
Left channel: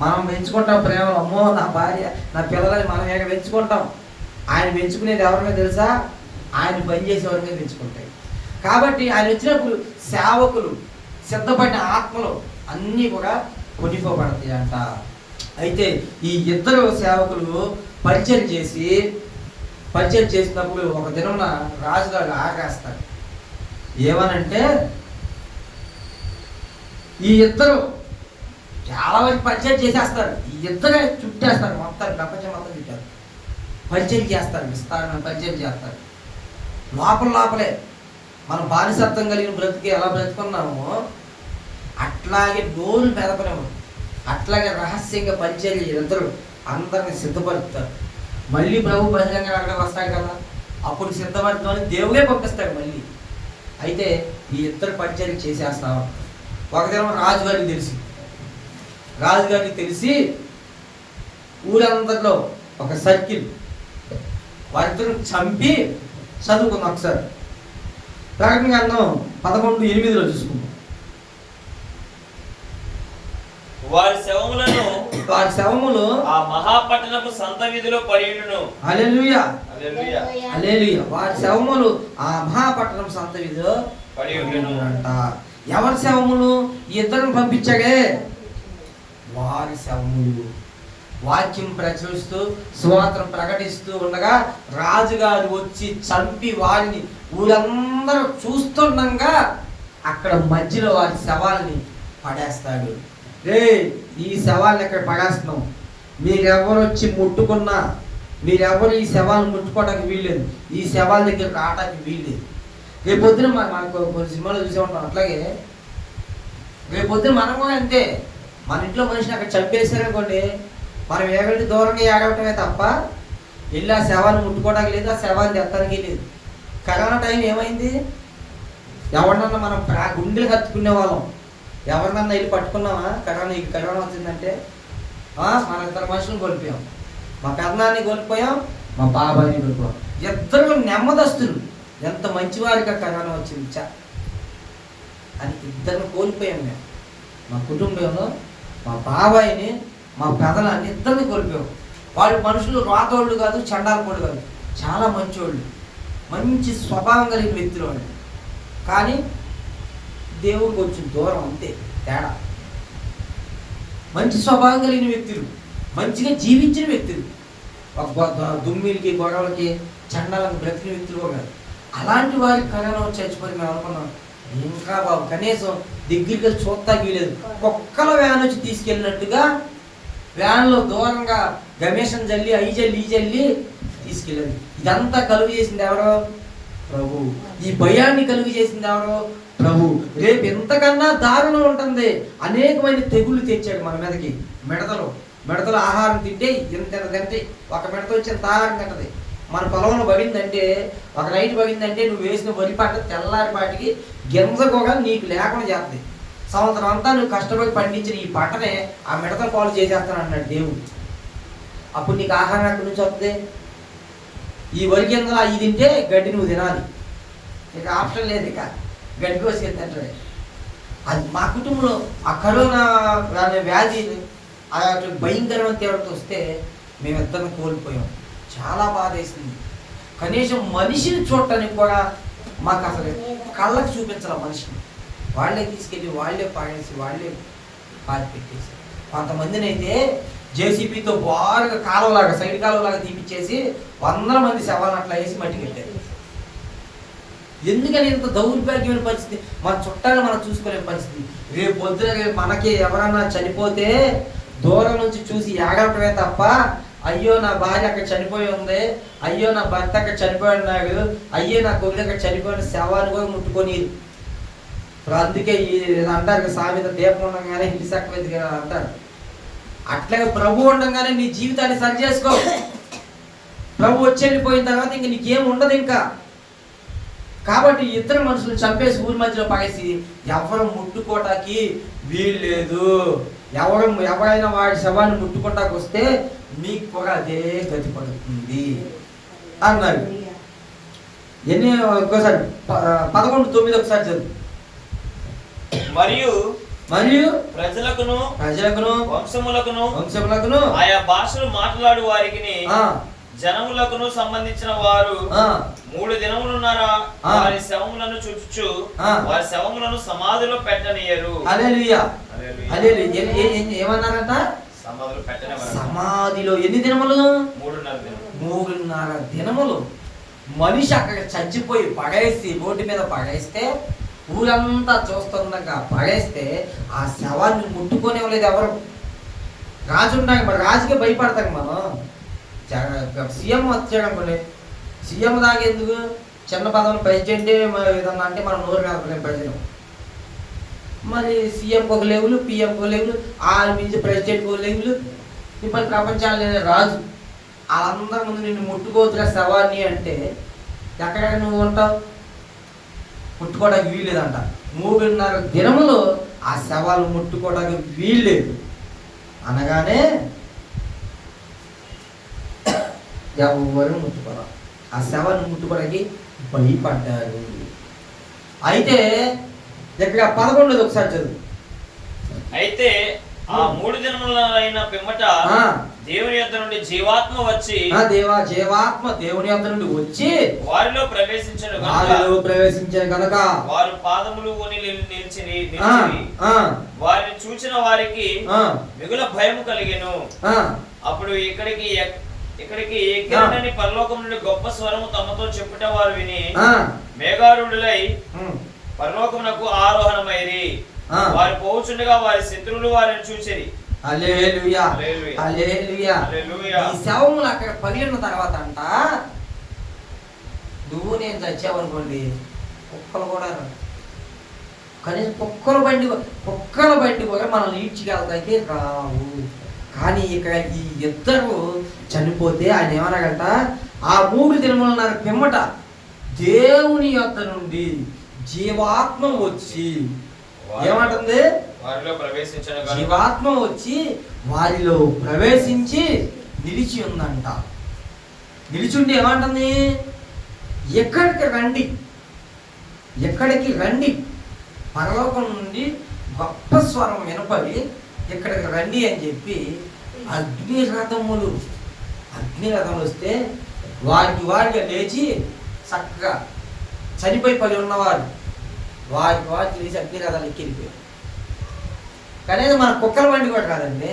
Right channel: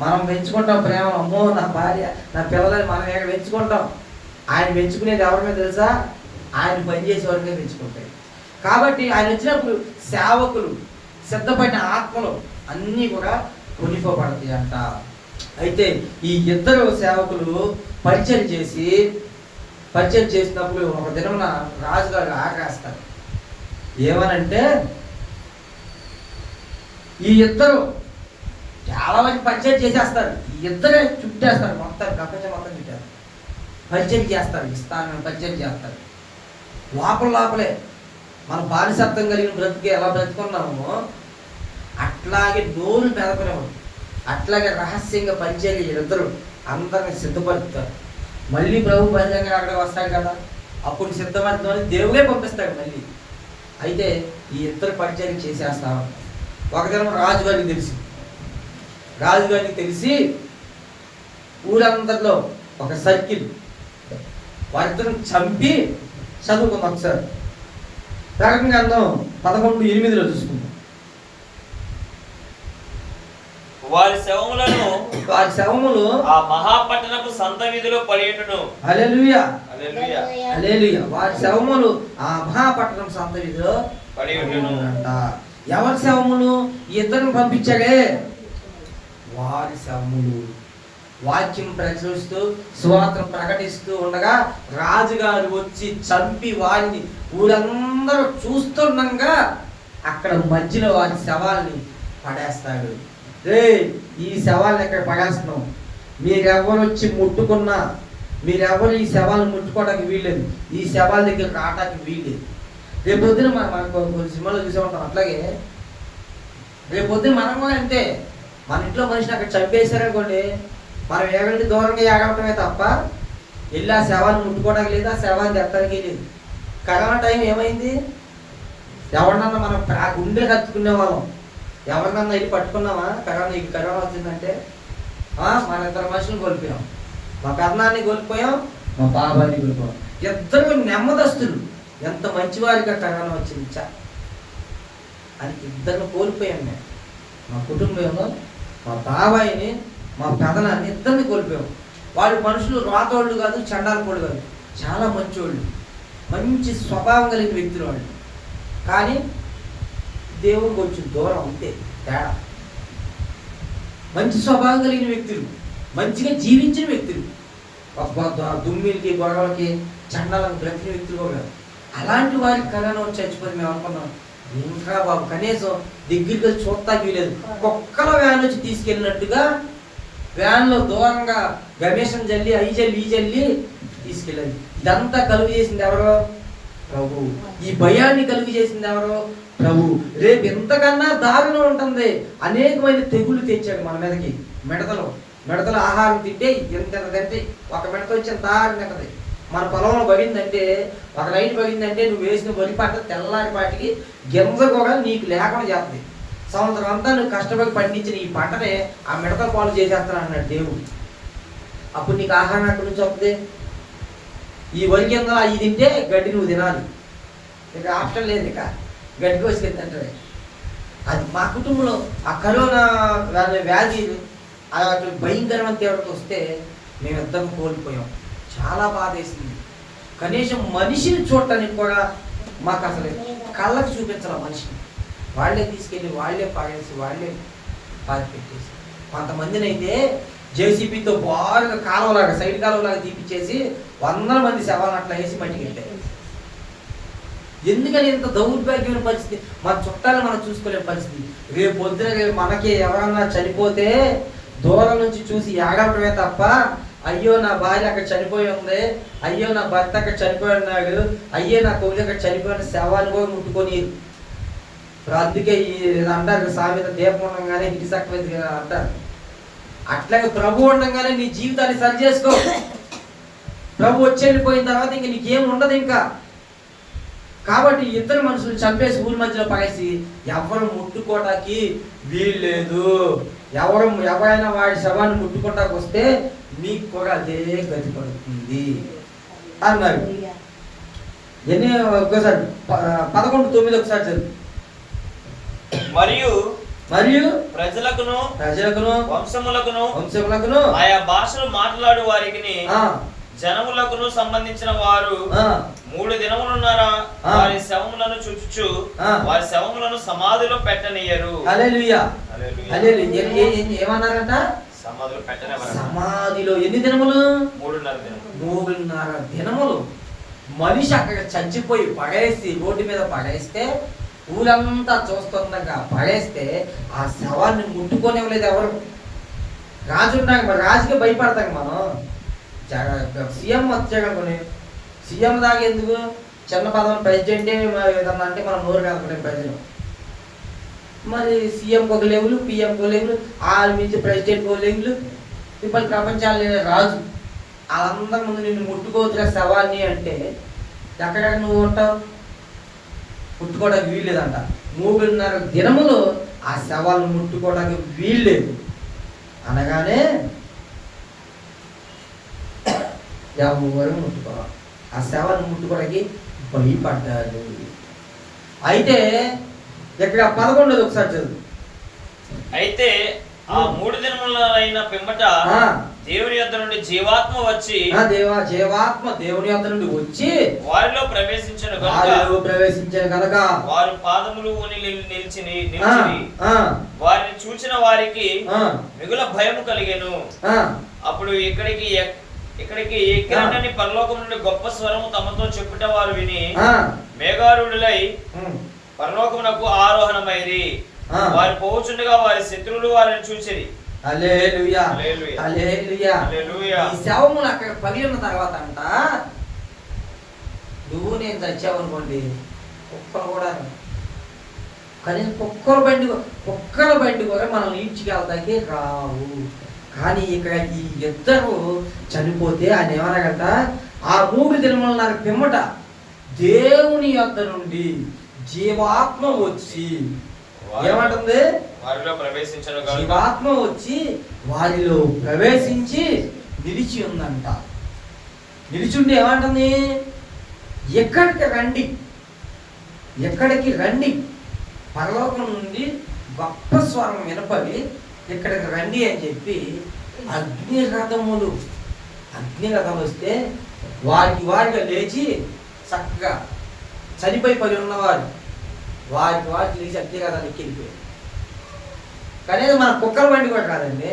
మనం పెంచుకుంటాం ప్రేమ. అమ్మో నా భార్య నా పిల్లలని మనం పెంచుకుంటాం. ఆయన పెంచుకునేది ఎవరిమే తెలుసా? ఆయన పనిచేసే వారినే పెంచుకుంటాడు. కాబట్టి ఆయన వచ్చినప్పుడు సేవకులు సిద్ధపడిన ఆత్మలు అన్నీ కూడా కొనిపోబడతాయి అంట. అయితే ఈ ఇద్దరు సేవకులు పరిచయం చేసినప్పుడు ఒక దినమున రాజుగారు ఆగ్రహిస్తారు. ఏమనంటే ఈ ఇద్దరు చాలా మంది పరిచయం చేసేస్తారు, ఈ ఇద్దరే చుట్టేస్తారు, మొత్తం ప్రపంచం మొత్తం చుట్టారు, పరిచయం చేస్తారు, విస్తారమైన పరిచయం చేస్తారు. లోపలే మన బానిసత్వం కలిగిన బ్రతికి ఎలా బ్రతుకున్నామో అట్లాగే నోరు మెదపనివ్వడు, అట్లాగే రహస్యంగా పనిచేయాలి. ఇద్దరు అందరిని సిద్ధపరుస్తారు. మళ్ళీ ప్రభు బహిరంగంగా అక్కడ వస్తాడు కదా, అప్పుడు సిద్ధపడతామని దేవుడే పంపిస్తాడు మళ్ళీ. అయితే ఈ ఇద్దరు పరిచయం చేసేస్తాం. ఒక దినం రాజుగారికి తెలిసి ఊరందరిలో ఒక సర్కిల్ వారిద్దరు చంపి చదువుకుందాం. ఒకసారి ప్రకటన గ్రంథం 11:8 చూసుకుందాం. వారి శవములు ఆ మహాపట్టణపు సంత వీధిలో పడియుండును. హల్లెలూయా హల్లెలూయా. వారి శవములు ఆ మహాపట్టణం సంత వీధిలో పడియుండును అంట. ఎవరి శవములు? ఇద్దరిని పంపించాడే వారి శవములు. వాక్యం ప్రచురిస్తూ సువార్తను ప్రకటిస్తూ ఉండగా రాజుగారు వచ్చి చంపి వారిని ఊరందరూ చూస్తుండగా అక్కడ మధ్యలో వారి శవాల్ని పడేస్తాడు. ఈ శవాలను ఎక్కడ పడేస్తున్నాం, మీరెవరు వచ్చి ముట్టుకున్నా, మీరెవరు ఈ శవాలను ముట్టుకోవడానికి వీల్లేదు, ఈ శవాల దగ్గర రావడానికి వీల్లేదు. రేపొద్దున మనకు కొన్ని సినిమాలో చూసే ఉంటాం. అట్లాగే రేపొద్దున మనం కూడా అంతే. మన ఇంట్లో మనిషిని అక్కడ చంపేశారనుకోండి, మనం ఎగంటి దూరంగా ఎగవటమే తప్ప వెళ్ళి ఆ శవాన్ని ముట్టుకోవడానికి లేదు, ఆ శవాన్ని ఎత్తడానికి లేదు. కరోనా టైం ఏమైంది? ఎవరినన్నా మనం గుండెలు కత్తుకునే వాళ్ళం, ఎవరినన్నా వెళ్ళి పట్టుకున్నామా? కరోనా వచ్చిందంటే మన ఇద్దరు మనుషులు కోల్పోయాం. మా పెదనాన్ని కోల్పోయాం, మా బాబాయిని కోల్పోయాం. ఇద్దరు నెమ్మదస్తులు, ఎంత మంచివారిగా కరోనా వచ్చింది అని ఇద్దరిని కోల్పోయాం మేము. మా కుటుంబంలో మా బాబాయిని, మా పెదనాన్ని ఇద్దరిని కోల్పోయాం. వాళ్ళు మనుషులు రాతోళ్ళు కాదు, చండాలపోళ్ళు కాదు, చాలా మంచోళ్ళు, మంచి స్వభావం కలిగిన వ్యక్తులు వాళ్ళు. కానీ దేవుడికి కొంచెం దూరం, అంతే తేడా. మంచి స్వభావం కలిగిన వ్యక్తులు, మంచిగా జీవించిన వ్యక్తులు, దుమ్మిడికి గొడవలకి చండాలను బ్రతికిన వ్యక్తులు కూడా. అలాంటి వారికి కరోనా వచ్చి చచ్చిపోయి మేము అనుకున్నాం, ఇంకా బాబు కనీసం దగ్గరికి చూస్తాకి లేదు. కుక్కల వ్యాన్ వచ్చి తీసుకెళ్ళినట్టుగా వ్యాన్లో దూరంగా గమేషం జల్లి ఈ జల్లి తీసుకెళ్ళాలి. ఇదంతా కలుగు చేసింది ఎవరో? ప్రభు. ఈ భయాన్ని కలుగు చేసింది ఎవరో? ప్రభు. రేపు ఎంతకన్నా దారుణం ఉంటుంది. అనేకమైన తెగుళ్ళు తెచ్చాడు మన మీదకి. మిడతలు ఆహారం తింటే ఎంత తింటే, ఒక మిడత వచ్చి ఎంత ఆహారం తింటది. మన పొలంలో పడిందంటే, ఒక రైతు పడిందంటే నువ్వు వేసిన వరి పంట తెల్లారిపాటికి గింజకోగా నీకు లేకుండా చేస్తుంది. సంవత్సరం అంతా నువ్వు కష్టపడి పండించిన ఈ పంటనే ఆ మిడతల పాలు చేసేస్తాను అన్నాడు దేవుడు. అప్పుడు నీకు ఆహారం అక్కడి నుంచి వస్తుంది. ఈ వరి గింజలు అవి తింటే గడ్డి నువ్వు తినాలి, ఇక ఆప్షన్ లేదు, ఇక గడ్డి కోసి తింటారు. అది మా కుటుంబంలో ఆ కరోనా వ్యాధి భయంకరమైన తీవ్రత వస్తే మేమిద్దరం కోల్పోయాం. చాలా బాధ వేసింది. కనీసం మనిషిని చూడటానికి కూడా మాకు అసలు కళ్ళకి చూపించాలి మనిషిని. వాళ్ళే తీసుకెళ్ళి వాళ్ళే పాడేసి వాళ్ళే పాతి పెట్టేసి, కొంతమందిని అయితే జేసీబీతో బారుగా కాలువలాగా సైడ్ కాలువలాగా తీపిచ్చేసి 100 మంది శవాలను అట్లా వేసి మట్టి కట్టారు. ఎందుకని ఇంత దౌర్భాగ్యమైన పరిస్థితి? మన చుట్టాలు మనం చూసుకోలే పరిస్థితి. రేపు పొద్దున మనకి ఎవరన్నా చనిపోతే దూరం నుంచి చూసి ఏడవటమే తప్ప, అయ్యో నా భార్య అక్కడ చనిపోయి ఉంది, అయ్యో నా భర్త అక్కడ చనిపోయి ఉన్నాడు, అయ్యో నా కొడుకు అక్కడ చనిపోయిన శవాన్ని కూడా ముట్టుకొని. ఇప్పుడు అందుకే అంటారు సామెత, దీపం ఉండగానే ఇంటి సక్కవైంది అంటారు. అట్లాగే ప్రభు ఉండగానే నీ జీవితాన్ని సరి చేసుకో. ప్రభు వచ్చి వెళ్ళిపోయిన తర్వాత ఇంక నీకేం ఉండదు. ఇంకా కాబట్టి ఇద్దరు మనుషులు చంపేసి ఊరి మధ్యలో పగేసి ఎవరు ముట్టుకోటానికి వీల్లేదు. ఎవరైనా వాడి శవాన్ని ముట్టుకోటానికి వస్తే మీకు కూడా అదే గతి పడుతుంది అన్నారు. ఒకసారి 11:9 ఒకసారి చదువు. మరియు ప్రజలకును వంశములకును ఆయా భాషలు మాట్లాడు వారికి జనములకును సంబంధించిన వారు 3 దినములున్నారా వారి శవములను చూచుచు వారి శవములను సమాధిలో పెట్టనియరు. హల్లెలూయా హల్లెలూయా. ఏమన్నారంట? సమాధిలో ఎన్ని దినములు? 3.5 దినములు. మనిషి అక్కడ చచ్చిపోయి పడేసి రోడ్డు మీద పడేస్తే ఊరంతా చూస్తుండగా పడేస్తే ఆ శవాన్ని ముట్టుకోనివ్వలేదు ఎవరు. రాజు ఉంటాం, రాజుకి భయపడతాం మనం. సీఎం వచ్చాడనుకోండి, సీఎం దాకా ఎందుకు, చిన్న పదవులు ప్రెసిడెంటే విధంగా అంటే మనం నోరు కదపలేము ప్రజలు. మరి సీఎంకి ఒక లెవెల్, పిఎంకి ఒక లెవెల్, ఆరు మించి ప్రెసిడెంట్కి ఒక లెవెల్, ఇప్పుడు ప్రపంచాలు రాజు. వాళ్ళందరి ముందు నిన్ను ముట్టుకోవచ్చురా శవాన్ని అంటే ఎక్కడ నువ్వు ఉంటావు? ముట్టుకోవడానికి వీల్లేదంట. 3.5 దినములు ఆ శవాలు ముట్టుకోవడానికి వీల్లేదు అనగానే ఎవరు ముట్టుకోవాలి. ఆ శవాన్ని ముట్టుకోవడానికి భయపడ్డారు. అయితే ఇక్కడ 11 ఒకసారి చదువు. అయితే ఆ 3 దినములైన పిమ్మట దేవుని యొద్ద నుండి జీవాత్మ వచ్చి జీవాత్మ దేవుని యొద్ద నుండి వచ్చి వారిలో ప్రవేశించను కనుక వారి పాదములు నిలిచి వారిని చూచిన వారికి మిగుల భయము కలిగెను. అప్పుడు ఇక్కడికి ఎక్కిరని పరలోకం నుండి గొప్ప స్వరము తమతో చెప్పుట వారు విని మేఘారూఢులై పరలోకమునకు ఆరోహణమైరి. వారు పోవుచుండగా వారి శత్రువులు వారిని చూసిరి. హల్లెలూయా హల్లెలూయా. ఈ శవములు అక్కడ పగిలిన తర్వాత అంట, నువ్వు నేను చచ్చావనుకోండి, కుక్కలు కూడా కనీసం కుక్కల బండి కూడా మనం ఈడ్చికెళ్తాకి రావు. కానీ ఇక్కడ ఈ ఇద్దరు చనిపోతే ఆయన ఏమనగట, ఆ 3 దినములున్నర పిమ్మట దేవుని యొద్ద నుండి జీవాత్మ వచ్చి ఏమంటుంది? జీవాత్మ వచ్చి వారిలో ప్రవేశించి నిలిచి ఉందంట. నిలిచుండి ఏమంటుంది? ఎక్కడికి రండి. పరలోకం నుండి గొప్ప స్వరం వినపడి ఇక్కడికి రండి అని చెప్పి అగ్ని రథములు వస్తే వారికి లేచి చక్కగా చనిపోయి పడి ఉన్నవారు వారికి లేచి అగ్ని రథాలు ఎక్కిపోయారు. కానీ మన కుక్కల బండి కూడా కాదండి.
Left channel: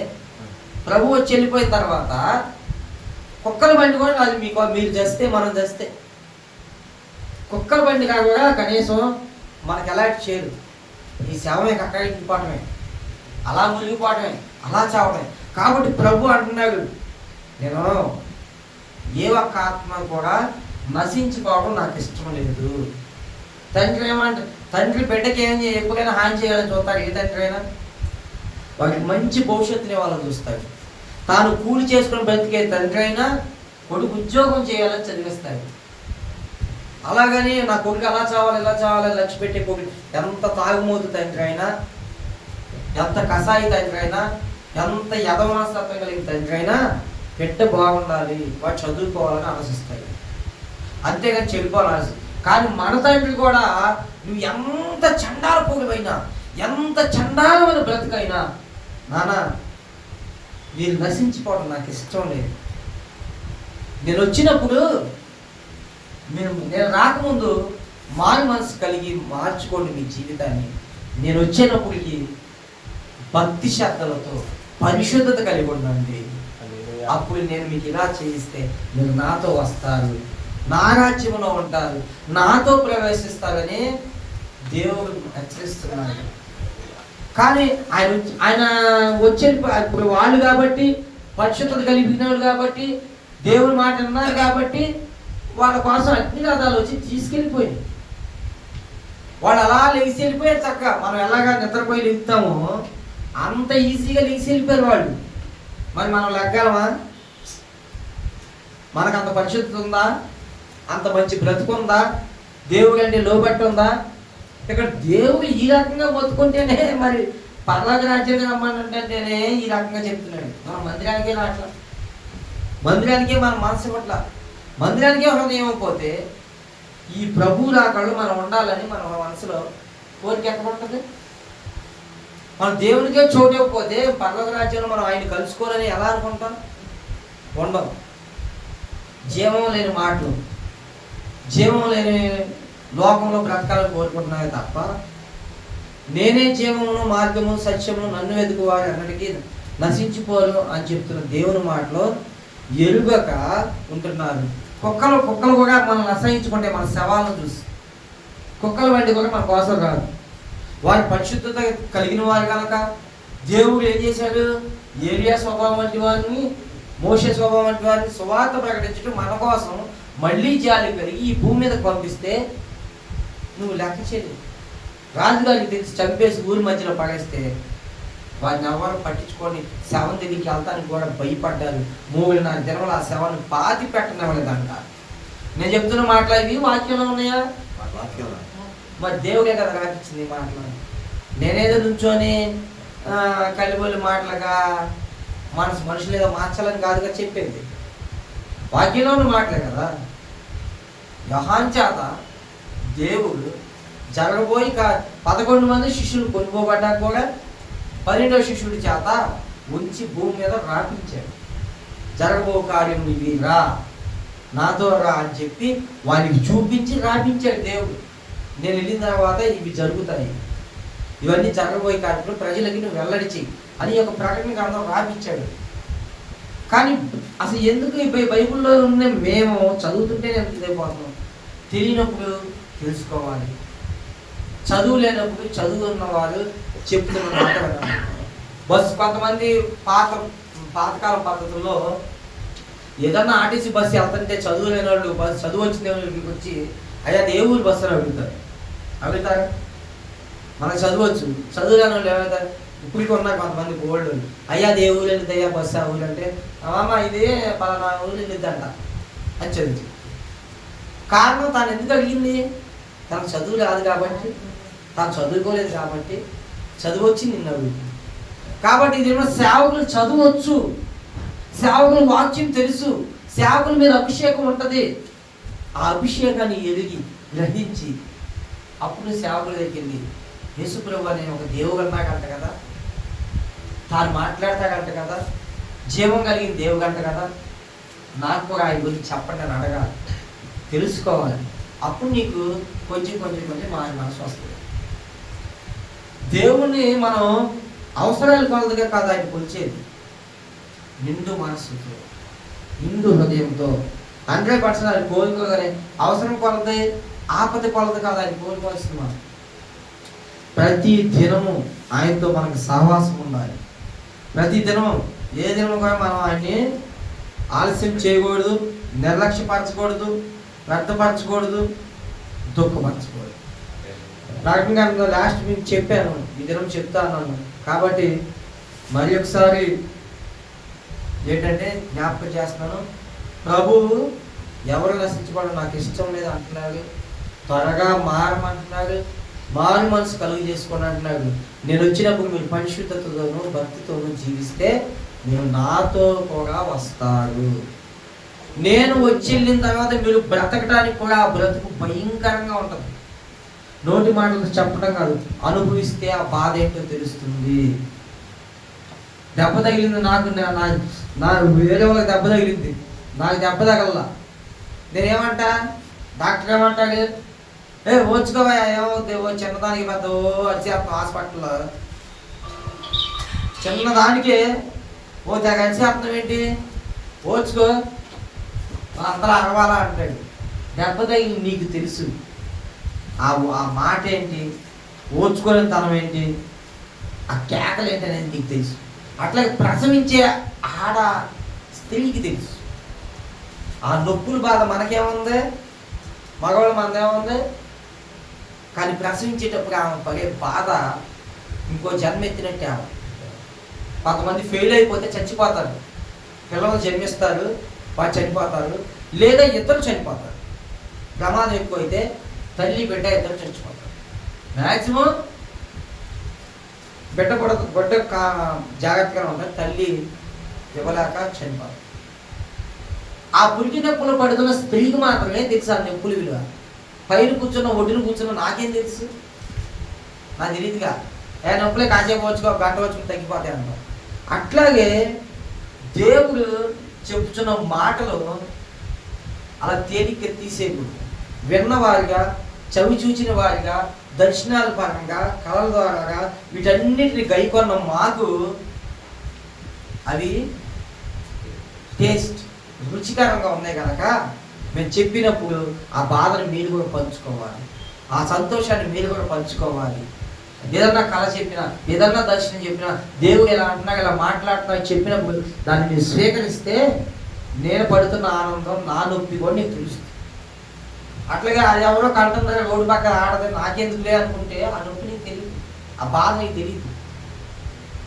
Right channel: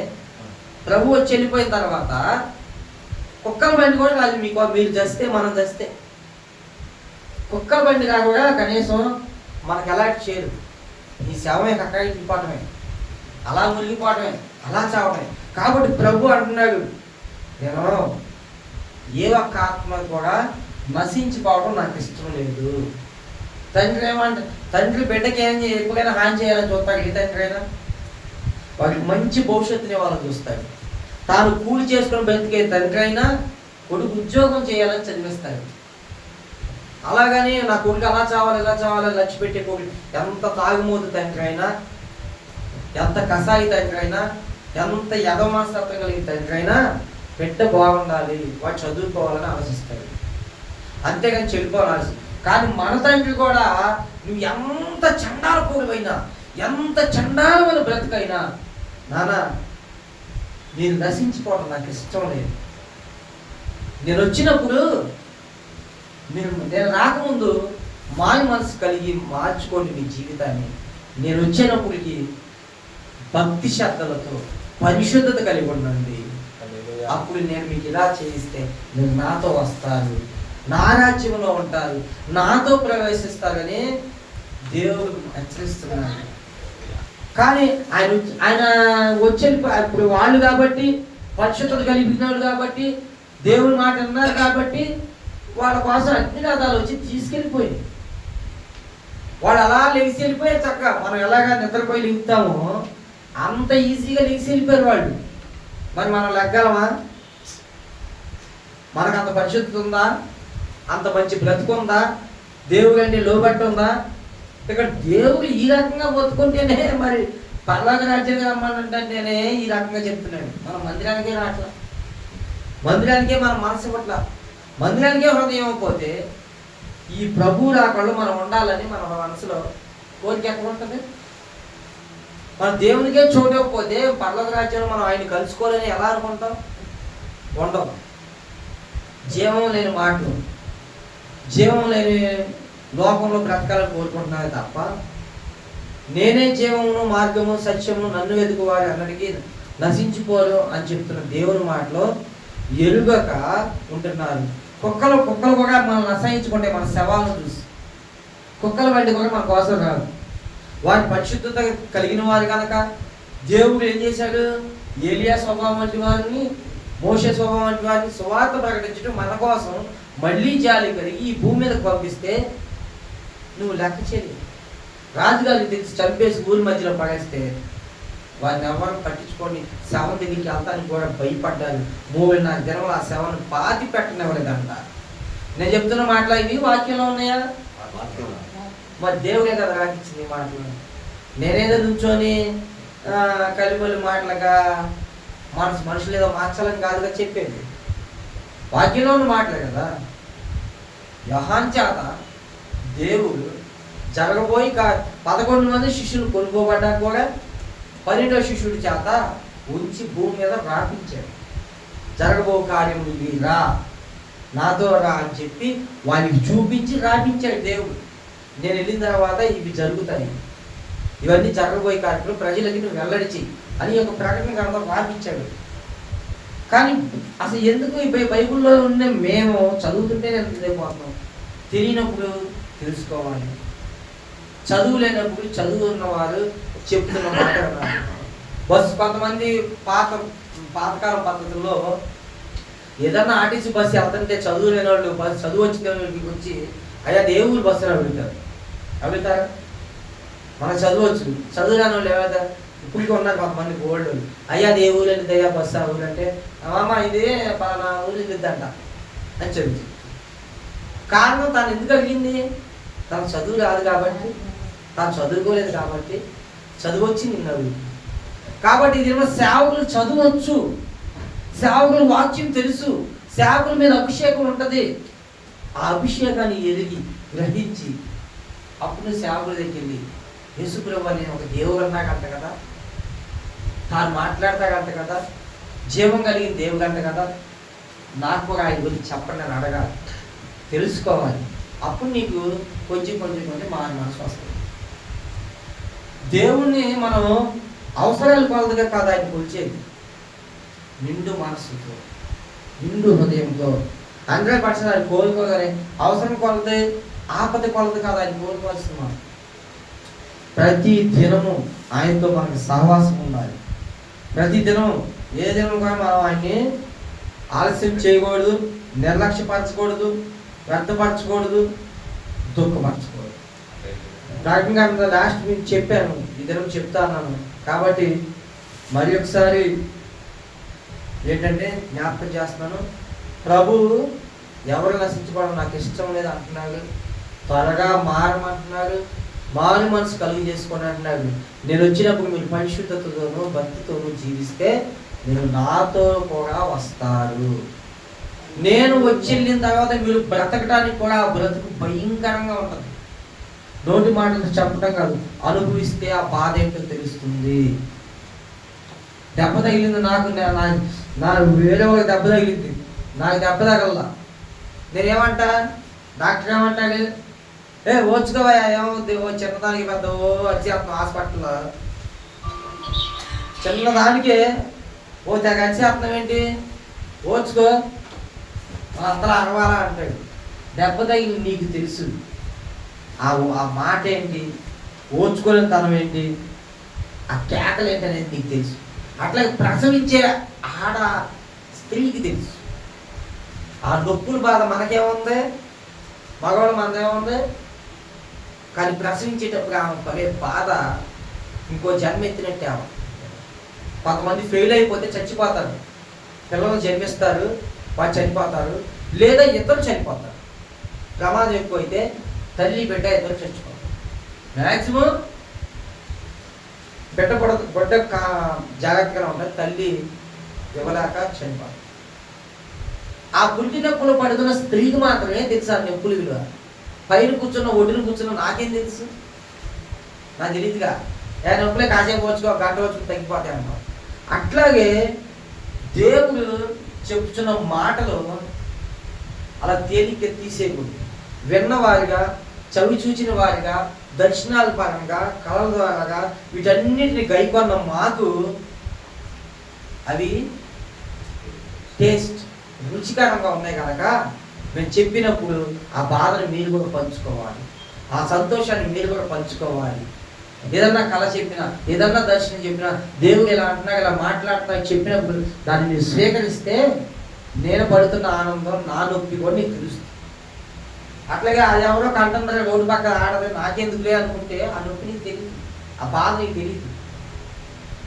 ప్రభు వచ్చి వెళ్ళిపోయిన తర్వాత కుక్కల బండి కూడా కాదు. మీరు చేస్తే మనం చేస్తే కుక్కల బండి కాకుండా కనీసం మనకు ఎలాంటి చేయదు. ఈ శవమే అక్కడ ఇంటిపోవటమే, అలా మురిగిపోవటమే, అలా చావటమే. కాబట్టి ప్రభు అంటున్నాడు, నేను ఏ ఒక్క ఆత్మ కూడా నశించిపోవడం నాకు ఇష్టం లేదు. తండ్రి బిడ్డకి ఎప్పుడైనా హాని చేయాలని చూస్తాడు. ఏ తండ్రి అయినా వాడికి మంచి భవిష్యత్తుని వాళ్ళని చూస్తాడు. తాను కూలి చేసుకుని బ్రతికే తండ్రి అయినా కొడుకు ఉద్యోగం చేయాలని చదివిస్తాడు. అలాగని నా కొడుకు అలా చావాలి ఇలా చావాలని లక్ష్య పెట్టే కొడుకు ఎంత తాగుమోతు తండ్రి అయినా, ఎంత కసాయి తండ్రి అయినా, ఎంత యథమానస్తత్వం కలిగిన తండ్రి అయినా బిడ్డ బాగుండాలి, వాడు చదువుకోవాలని ఆలోచిస్తాడు. అంతేగాని చెడిపోవాలి. కానీ మన తండ్రి కూడా నువ్వు ఎంత చండాల పోగులైనా, ఎంత చండాలమైన బ్రతుకైనా, నాన్న నేను నశించిపోవడం నాకు ఇష్టం లేదు. నేను వచ్చినప్పుడు నేను రాకముందు మాయ మనసు కలిగి మార్చుకోండి మీ జీవితాన్ని. నేను వచ్చినప్పటికి భక్తి శ్రద్ధలతో పరిశుద్ధత కలిగి ఉండండి. అప్పుడు నేను మీకు ఇలా చేయిస్తే మీరు నాతో వస్తారు, నా రాజ్యంలో ఉంటారు, నాతో ప్రవేశిస్తారని దేవుడు హెచ్చరిస్తున్నాడు. కానీ ఆయన వచ్చే ఇప్పుడు వాళ్ళు కాబట్టి పరిశుద్ధత కలిగినాడు కాబట్టి దేవుని మాట విన్నారు కాబట్టి వాళ్ళ కోసం అగ్ని రథాలు వచ్చి తీసుకెళ్ళిపోయింది. వాళ్ళు అలా లెగిసి వెళ్ళిపోయారు. చక్కగా మనం ఎలాగా నిద్రపోయి లెగుతామో అంత ఈజీగా లెగిసి వెళ్ళిపోయారు వాళ్ళు. మరి మనం లెగ్గలమా? మనకు అంత పరిశుద్ధత ఉందా? అంత మంచి బ్రతుకుందా? దేవుడు అంటే లోబట్టి ఉందా? ఇక్కడ దేవుడు ఈ రకంగా బతుకుంటేనే మరి పర్లోక రాజ్యం రమ్మానంటేనే ఈ రకంగా చెప్తున్నాడు. మనం మందిరానికే రాట్లా, మందిరానికే మన మనసు ఇవ్వట్లా, మందిరానికే హృదయం అయిపోతే ఈ ప్రభు రాకళ్ళు మనం ఉండాలని మన మనసులో కోరిక ఎక్కడ ఉంటుంది? మన దేవునికే చోటు ఇవ్వకపోతే పర్లోక రాజ్యంలో మనం ఆయన కలుసుకోవాలని ఎలా అనుకుంటాం? ఉండవు. జీవం లేని మాటలు, జీవం లేని లోకంలో బ్రతకాలని కోరుకుంటున్నామే తప్ప నేనే జీవమును మార్గము సత్యము నన్ను వెతుకు వారు అన్నటికీ నశించిపోరు అని చెప్తున్న దేవుని మాటలో ఎరుగక ఉంటున్నారు. కుక్కలు కూడా మనం అసహించుకుంటే మన శవాలను చూసి, కుక్కలు వంటి కూడా మన కోసం రాదు. వారి పరిశుద్ధత కలిగిన వారు కనుక దేవుడు ఏం చేశాడు? ఏలియా స్వభావం వంటి వారిని, మోషే స్వభావం వంటి వారిని సువార్త ప్రకటించడం మన కోసం మళ్ళీ జాలి కలిగి ఈ భూమి మీద పంపిస్తే నువ్వు లెక్క చేయలేవు. రాజుగారికి తెచ్చి చంపేసి ఊరి మధ్యలో పడేస్తే వారిని ఎవరు పట్టించుకొని శవం దగ్గరికి వెళ్తానికి కూడా భయపడ్డారు. 3.5 దినములు ఆ శవాన్ని పాతి పెట్టనివ్వలేదంట. నేను చెప్తున్న మాటలు ఇవి వాక్యంలో ఉన్నాయా? మరి దేవుడే కదా రాకిచ్చింది ఈ మాటలు. నేనేదో నుంచొని కలిబొల్లి మాటలుగా మనుషులు ఏదో మార్చాలని కాదుగా చెప్పేది, వాక్యంలో ఉన్న మాటలే కదా. యోహాను చేత దేవుడు జరగబోయి 11 మంది శిష్యులు కొనుక్కోబడ్డాక కూడా 12వ శిష్యుడి చేత ఉంచి భూమి మీద రాపించాడు. జరగబో కార్యం ఇవి, రా నాతో రా అని చెప్పి వానికి చూపించి రాపించాడు దేవుడు. నేను వెళ్ళిన తర్వాత ఇవి జరుగుతాయి, ఇవన్నీ జరగబోయే కార్యక్రమం ప్రజలకి నువ్వు వెల్లడిచి అని ఒక ప్రకటన గ్రంథం రాపించాడు. కానీ అసలు ఎందుకు ఈ బైబిల్లో ఉన్న మేము చదువుతుంటే ఎంత ఇదైపోతున్నాం? తెలియనప్పుడు తెలుసుకోవాలి, చదువు లేనప్పుడు చదువు ఉన్నవారు చెప్తున్న మాట కదా. కొంతమంది పాతకాలం పద్ధతుల్లో ఏదన్నా ఆర్టీసీ బస్సు వెళ్తుంటే చదువు లేని వాళ్ళు, చదువు వచ్చిన వాళ్ళకి వచ్చి అయ్యా ఏ ఊరు బస్సులో అడుగుతారు. మనకు చదువచ్చు, చదువు లేని వాళ్ళు ఏమవుతారు? ఇప్పటికి ఉన్నా కొంతమంది గోల్డ్, అయ్యా అది ఏ ఊరు వెళ్ళింది అయ్యా బస్సు ఆ ఊరు అంటే, అమ్మ ఇది పలానా ఊరు వెళ్ళిద్దంట అని చదువు. కారణం తాను ఎందుకు అడిగింది? తనకు చదువు రాదు కాబట్టి, తాను చదువుకోలేదు కాబట్టి, చదువు వచ్చి నిన్న కాబట్టి ఇదేమో సేవకులు చదువచ్చు, సేవకులు వాక్యం తెలుసు, సేవకుల మీద అభిషేకం ఉంటుంది. ఆ అభిషేకాన్ని ఎరిగి గ్రహించి అప్పుడు సేవకుల దగ్గరికి వెళ్ళి యేసుప్రభు అనే ఒక దేవుడు అన్నాకంట కదా, తాను మాట్లాడతాడంట కదా, జీవం కలిగిన దేవుడు అంట కదా, నాకు కూడా ఆయన గురించి చెప్పండి అని అడగాలి, తెలుసుకోవాలి. అప్పుడు నీకు కొంచెం మారి మనసు వస్తుంది. దేవుణ్ణి మనం అవసరాలు కొలదుగా కాదు ఆయన కొలిచేది, నిండు మనసుతో, నిండు హృదయంతో 100% ఆయన కోరుకోగానే అవసరం కొలది, ఆపద కొలది కాదు ఆయన కోరుకోవాల్సింది. మనం ప్రతి దినము ఆయనతో మనకి సహవాసం ఉండాలి. ప్రతి దినం ఏ దినం కూడా మనం ఆయన్ని ఆలస్యం చేయకూడదు, నిర్లక్ష్యపరచకూడదు, వ్యర్థపరచకూడదు, దుఃఖపరచకూడదు. రకంగా లాస్ట్ మీకు చెప్పాను, ఈ దినం చెప్తా ఉన్నాను కాబట్టి మరి ఒకసారి ఏంటంటే జ్ఞాపకం చేస్తున్నాను. ప్రభువు ఎవరు నశించుకోవడం నాకు ఇష్టం లేదు అంటున్నాడు, త్వరగా మారమంటున్నాడు, మారు మనసు కలుగు చేసుకోండి అంటున్నాడు. నేను వచ్చినప్పుడు మీరు పరిశుద్ధతతోనూ భక్తితోనూ జీవిస్తే మీరు నాతో కూడా వస్తారు. నేను వచ్చి వెళ్ళిన తర్వాత మీరు బ్రతకడానికి కూడా ఆ బ్రతుకు భయంకరంగా ఉంటుంది. నోటి మాటలు చెప్పడం కాదు, అనుభవిస్తే ఆ బాధ ఏంటో తెలుస్తుంది. దెబ్బ తగిలింది నాకు, నా వేరే వాళ్ళకి దెబ్బ తగిలింది, నాకు దెబ్బ తగల, నేనేమంటా? డాక్టర్ ఏమంటాడు? ఓచుకోవా, ఏమవుద్ది, ఓ చిన్నదానికి పెద్ద అరిచేస్తాం హాస్పిటల్లో, చిన్నదానికే ఓ తెగ అరిచేస్తున్నాం ఏంటి, ఓచుకో అందరూ అరవాలా అంటాడు. దెబ్బ తగిలి నీకు తెలుసు ఆ మాట ఏంటి, ఓచుకోలేని తనం ఏంటి, ఆ కేకలు ఏంటి అనేది నీకు తెలుసు. అట్లా ప్రసవించే ఆడ స్త్రీకి తెలుసు. ఆ నొప్పుల బాధ మనకేముంది, మగవాళ్ళు మనదేముంది, కానీ ప్రసవించేటప్పుడు ఆమె పడే బాధ ఇంకో జన్మ ఎత్తినట్టే. ఆమె కొంతమంది ఫెయిల్ అయిపోతే చచ్చిపోతారు, పిల్లలు జన్మిస్తారు, వారు చనిపోతారు, లేదా ఇద్దరు చనిపోతారు. ప్రమాదం ఎక్కువైతే తల్లి బిడ్డ ఇద్దరు చచ్చిపోతారు. మ్యాక్సిమం బిడ్డ జాగ్రత్తగా ఉంటుంది, తల్లి ఇవ్వలేక చనిపోతారు. ఆ పురిటి నొప్పులు పడుతున్న స్త్రీకి మాత్రమే తెలుసు ఆ నొప్పులు విలువ. పైన కూర్చున్న ఒడ్డున కూర్చున్న నాకేం తెలుసు, నాకు తెలియదుగా. నొప్పులే కాసేపు వచ్చుకో, గంట వచ్చుకో తగ్గిపోతాయి అంటాం. అట్లాగే దేవుడు చెప్పుచున్న మాటలు అలా తేలిక తీసేయకూడదు. విన్నవారిగా, చవి చూచిన వారిగా, దర్శనాల పరంగా, కళల ద్వారాగా వీటన్నిటిని గైకొన్న మాకు అవి టేస్ట్ రుచికరంగా ఉన్నాయి కనుక మేము చెప్పినప్పుడు ఆ బాధను మీరు కూడా పంచుకోవాలి, ఆ సంతోషాన్ని మీరు కూడా పంచుకోవాలి. ఏదన్నా కళ చెప్పినా, ఏదన్నా దర్శనం చెప్పినా, దేవుడు ఎలా అంటున్నా, ఇలా మాట్లాడుతున్నా చెప్పినప్పుడు దాన్ని మీరు స్వీకరిస్తే నేను పడుతున్న ఆనందం, నా నొప్పి కూడా నీకు తెలుస్తుంది. అట్లాగే అది ఎవరో కంటందరూ రోడ్డు పక్క ఆడదు నాకెందుకులే అనుకుంటే ఆ నొప్పి నీకు తెలియదు, ఆ బాధ నీకు తెలియదు.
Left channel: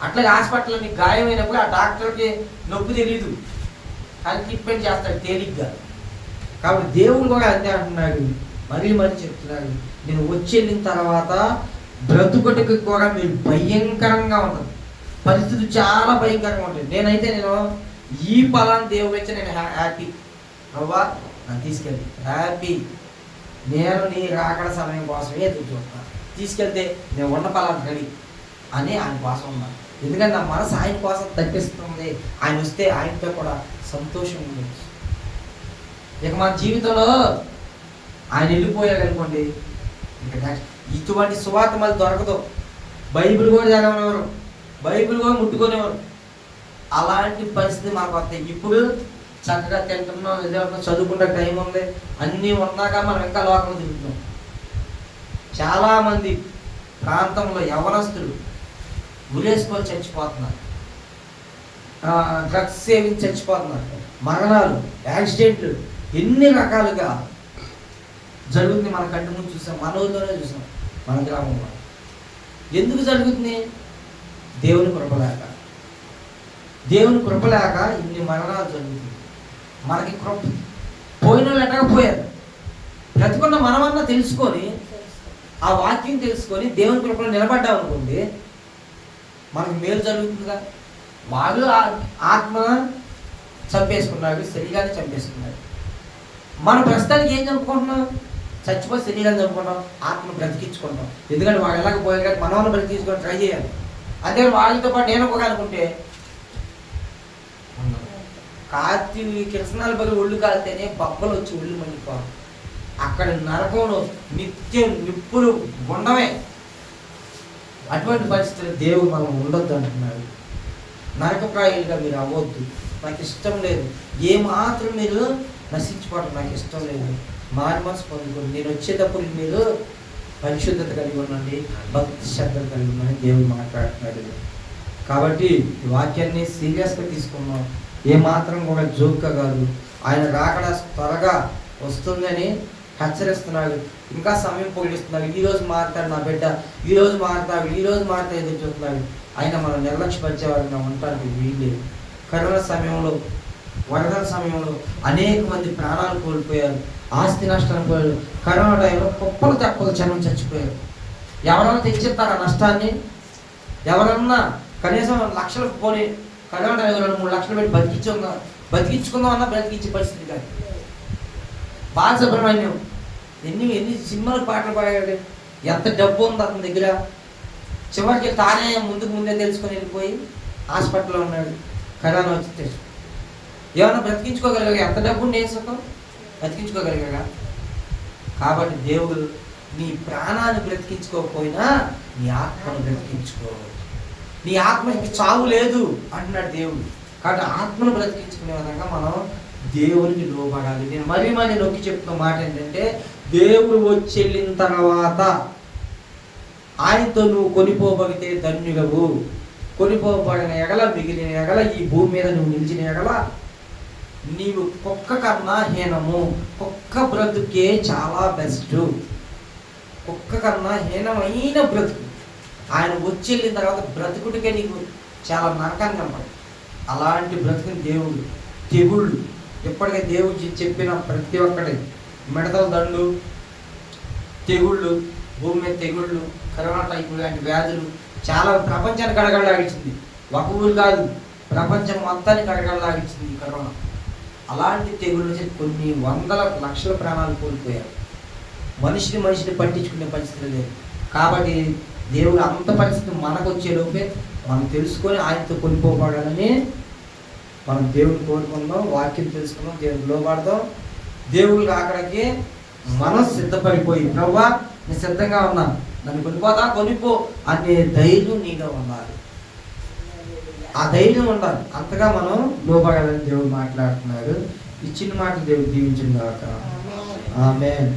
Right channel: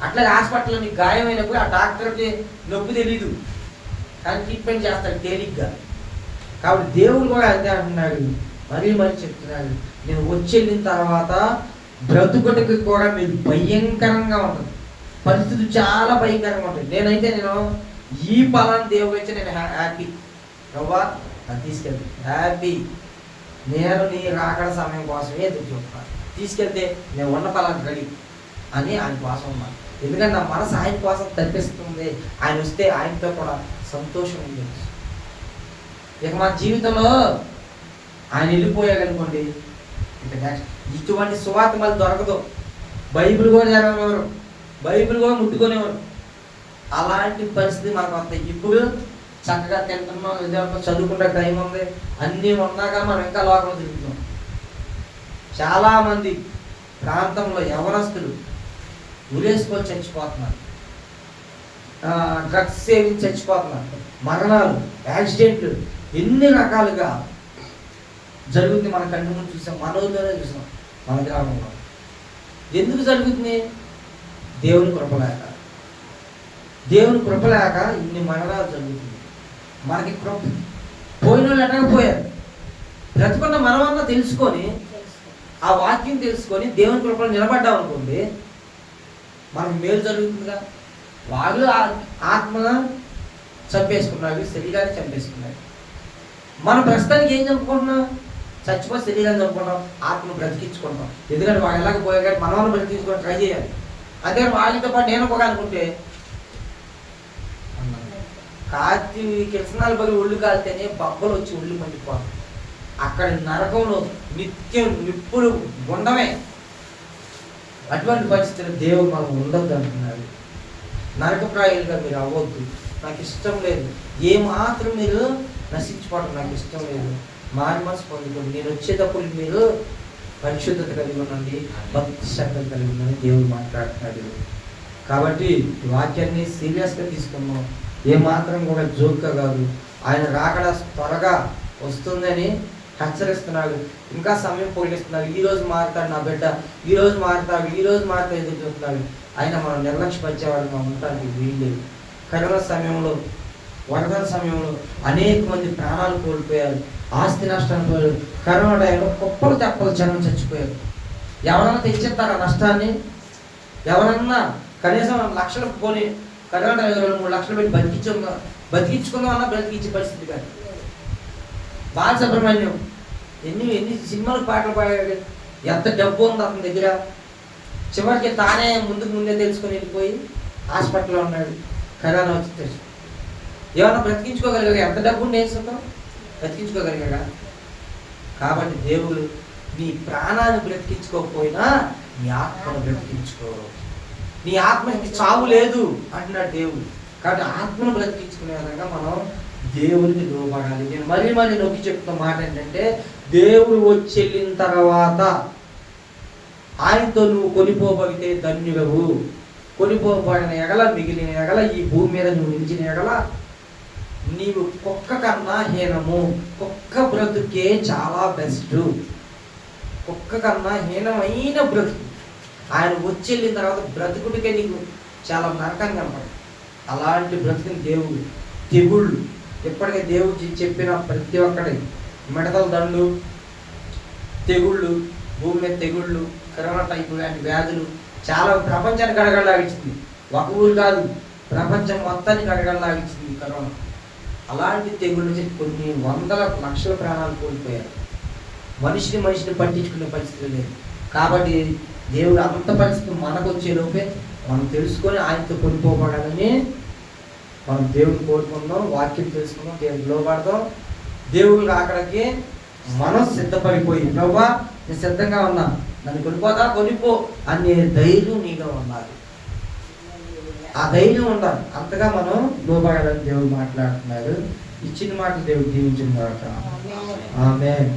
అట్లాగే హాస్పిటల్లో నీకు గాయమైనప్పుడు ఆ డాక్టర్కి నొప్పి తెలీదు, కానీ ట్రీట్మెంట్ చేస్తాడు తేలిగ్గా. కాబట్టి దేవుడు కూడా అంతే అంటున్నాడు, మరీ చెప్తున్నాడు, నేను వచ్చి వెళ్ళిన తర్వాత బ్రతుకుటకు కూడా మీరు భయంకరంగా ఉంటుంది, పరిస్థితి చాలా భయంకరంగా ఉంటుంది. నేను ఈ ఫలాన్ని దేవుడు వచ్చి నేను హ్యాపీ, ప్రభా నన్ను తీసుకెళ్తే హ్యాపీ, నేను నీ రాకడ సమయం కోసమే ఎదురు చూస్తాను, తీసుకెళ్తే నేను ఉన్న ఫలాన్ని రెడీ అని ఆయన కోసం ఉన్నాను. ఎందుకంటే నా మనసు ఆయన కోసం తప్పిస్తుంది, ఆయన వస్తే ఆయనతో కూడా సంతోషం ఉంది. ఇక మన జీవితంలో ఆయన వెళ్ళిపోయాకనుకోండి, ఇక నెక్స్ట్ ఇటువంటి సువార్త మళ్ళీ దొరకదు. బైబిల్ కూడా చదవనివ్వరు, బైబిల్ కూడా ముట్టుకునేవారు. అలాంటి పరిస్థితి మనకు వస్తాయి. ఇప్పుడు చక్కగా తింటున్నాం, నిజంగా చదువుకునే టైం ఉంది, అన్నీ ఉన్నాక మనం ఇంకా లోకంలో తిరుగుతున్నాం. చాలామంది ప్రాంతంలో యవనస్తులు ఉరేసుకొని చచ్చిపోతున్నారు, డ్రగ్స్ సేవించి చచ్చిపోతున్నారు, మరణాలు, యాక్సిడెంట్లు ఎన్ని రకాలుగా జరుగుతుంది. మన కంటి ముందు చూసాం, మన ఊళ్ళోనే చూసాం, మన గ్రామంలో. ఎందుకు జరుగుతుంది? దేవుని కృపలేక, దేవుని కృపలేక ఇన్ని మరణాలు జరుగుతుంది. మనకి కృప పోయిన వాళ్ళు ఎట్టగా పోయారు, బ్రతుకున్న మనమన్నా తెలుసుకొని, ఆ వాక్యం తెలుసుకొని దేవుని కృపలో నిలబడ్డాం అనుకోండి, మనకు మేలు జరుగుతుందిగా. వాళ్ళు ఆత్మ చంపేసుకున్నారు, శరీరాన్ని చంపేసుకున్నారు. మన ప్రస్తుతానికి ఏం చంపుకుంటున్నాం? చచ్చిపోయి శరీరాన్ని చంపుకుంటాం, ఆత్మను బ్రతికించుకుంటాం. ఎందుకంటే వాళ్ళు ఎలాగపోయారు కానీ మనం బ్రతికించుకొని ట్రై చేయాలి. అదే వాళ్ళతో పాటు నేను పోగాలనుకుంటే కాతి కిరసనాలు బలి ఒళ్ళు కాలితేనే బొబ్బలు వచ్చి ఒళ్ళు మండిపోవాలి. అక్కడ నరకంలో నిత్యం నిప్పులు ఉండమే. అటువంటి పరిస్థితులు దేవుడు మనం ఉండొద్దు అంటున్నారు. నరకప్రాయులుగా మీరు అవ్వద్దు, నాకు ఇష్టం లేదు, ఏమాత్రం మీరు నశించుకోవడం నాకు ఇష్టం లేదు, మారి మనసు పొందుకోండి, నేను వచ్చేటప్పుడు మీరు పరిశుద్ధత కలిగి ఉండండి, భక్తి శ్రద్ధలు కలిగి ఉందని దేవుడు మాట్లాడుతున్నాడు. కాబట్టి ఈ వాక్యాన్ని సీరియస్గా తీసుకున్నాం, ఏమాత్రం కూడా జోక్గా కాదు. ఆయన రాకడ త్వరగా వస్తుందని హెచ్చరిస్తున్నాడు, ఇంకా సమయం పొగిడిస్తున్నాడు. ఈరోజు మారుతాడు నా బిడ్డ, ఈరోజు మారుతాడు, ఈరోజు మారుతా ఎదురు చూస్తున్నాడు. ఆయన మనం నిర్లక్ష్యపరిచేవాడిగా ఉండటానికి వీళ్ళు. కరోనా సమయంలో, వరదల సమయంలో అనేక మంది ప్రాణాలు కోల్పోయారు, ఆస్తి నష్టాన్ని పోయారు. కరోనా టైంలో కుప్పలు తెప్పలు జనం చచ్చిపోయారు. ఎవరైనా తెచ్చిస్తారా నష్టాన్ని? ఎవరన్నా కనీసం లక్షలు పోనీ కరోనా టైంలో 2-3 లక్షలు పెట్టి బతికించుకుందాం అన్నా బ్రతికించే పరిస్థితి కాదు. బాలసుబ్రహ్మణ్యం ఎన్ని సినిమాలు పాటలు పాడాడు, ఎంత డబ్బు ఉంది అతని దగ్గర. చివరికి తానే ముందే తెలుసుకొని వెళ్ళిపోయి హాస్పిటల్లో ఉన్నాడు, కరోనా వచ్చి తెలుసు. ఏమన్నా బ్రతికించుకోగలిగా? ఎంత డబ్బు నేను సుఖం బ్రతికించుకోగలిగా? కాబట్టి దేవుడు నీ ప్రాణాన్ని బ్రతికించుకోకపోయినా నీ ఆత్మను బ్రతికించుకో. నీ ఆత్మకి చావు లేదు అంటున్నాడు దేవుడు. కాబట్టి ఆత్మను బ్రతికించుకునే విధంగా మనం దేవునికి లోబడాలి. నేను మరీ నొక్కి చెప్తున్న మాట ఏంటంటే, దేవుడు వచ్చి వెళ్ళిన తర్వాత ఆయనతో నువ్వు కొనిపోబడితే ధన్యుడవు. కొనిపోబడిన ఎగల, మిగిలిన ఎగల, ఈ భూమి మీద నువ్వు నిలిచిన ఎగల నీవు కుక్క కన్నా హీనము. కుక్క బ్రతుకే చాలా బెస్ట్, కుక్క కన్నా హీనమైన బ్రతుకు. ఆయన వచ్చి వెళ్ళిన తర్వాత బ్రతుకుడికే నీకు చాలా నరకంగా కనపడదు. అలాంటి బ్రతుకుని దేవుడు తెగుళ్ళు ఇప్పటికే దేవుడు చెప్పిన ప్రతి ఒక్కటి మిడతల దండు, తెగుళ్ళు, భూమి మీద తెగుళ్ళు, కరోనా టైపు లాంటి వ్యాధులు చాలా ప్రపంచాన్ని గడగడలాగించింది. ఒక ఊరు కాదు, ప్రపంచం మొత్తాన్ని గడగడలాగించింది ఈ కరోనా. అలాంటి తెగుళ్ళ నుంచి కొన్ని వందల లక్షల ప్రాణాలు కోల్పోయారు. మనిషిని పట్టించుకునే పరిస్థితి లేదు. కాబట్టి దేవుడు అంత పరిస్థితి మనకు వచ్చే లోపే మనం తెలుసుకొని ఆయనతో కొనిపోబడాలని మనం దేవుడిని కోరుకుందాం, వాక్యం తెలుసుకుందాం, దేవుడికి లోబడదాం. దేవుడికి అక్కడికి మనం సిద్ధపడిపోయి, ప్రభువా నేను సిద్ధంగా ఉన్నా, నన్ను కొనిపో అనే ధైర్యం నీలో ఉండాలి. ఆ ధైర్యం ఉండాలి. అంతగా మనం లోబడాలని దేవుడు మాట్లాడుతున్నాడు. ఈ చిన్న మాట దేవుడు దీవించిన గాక. ఆమేన్.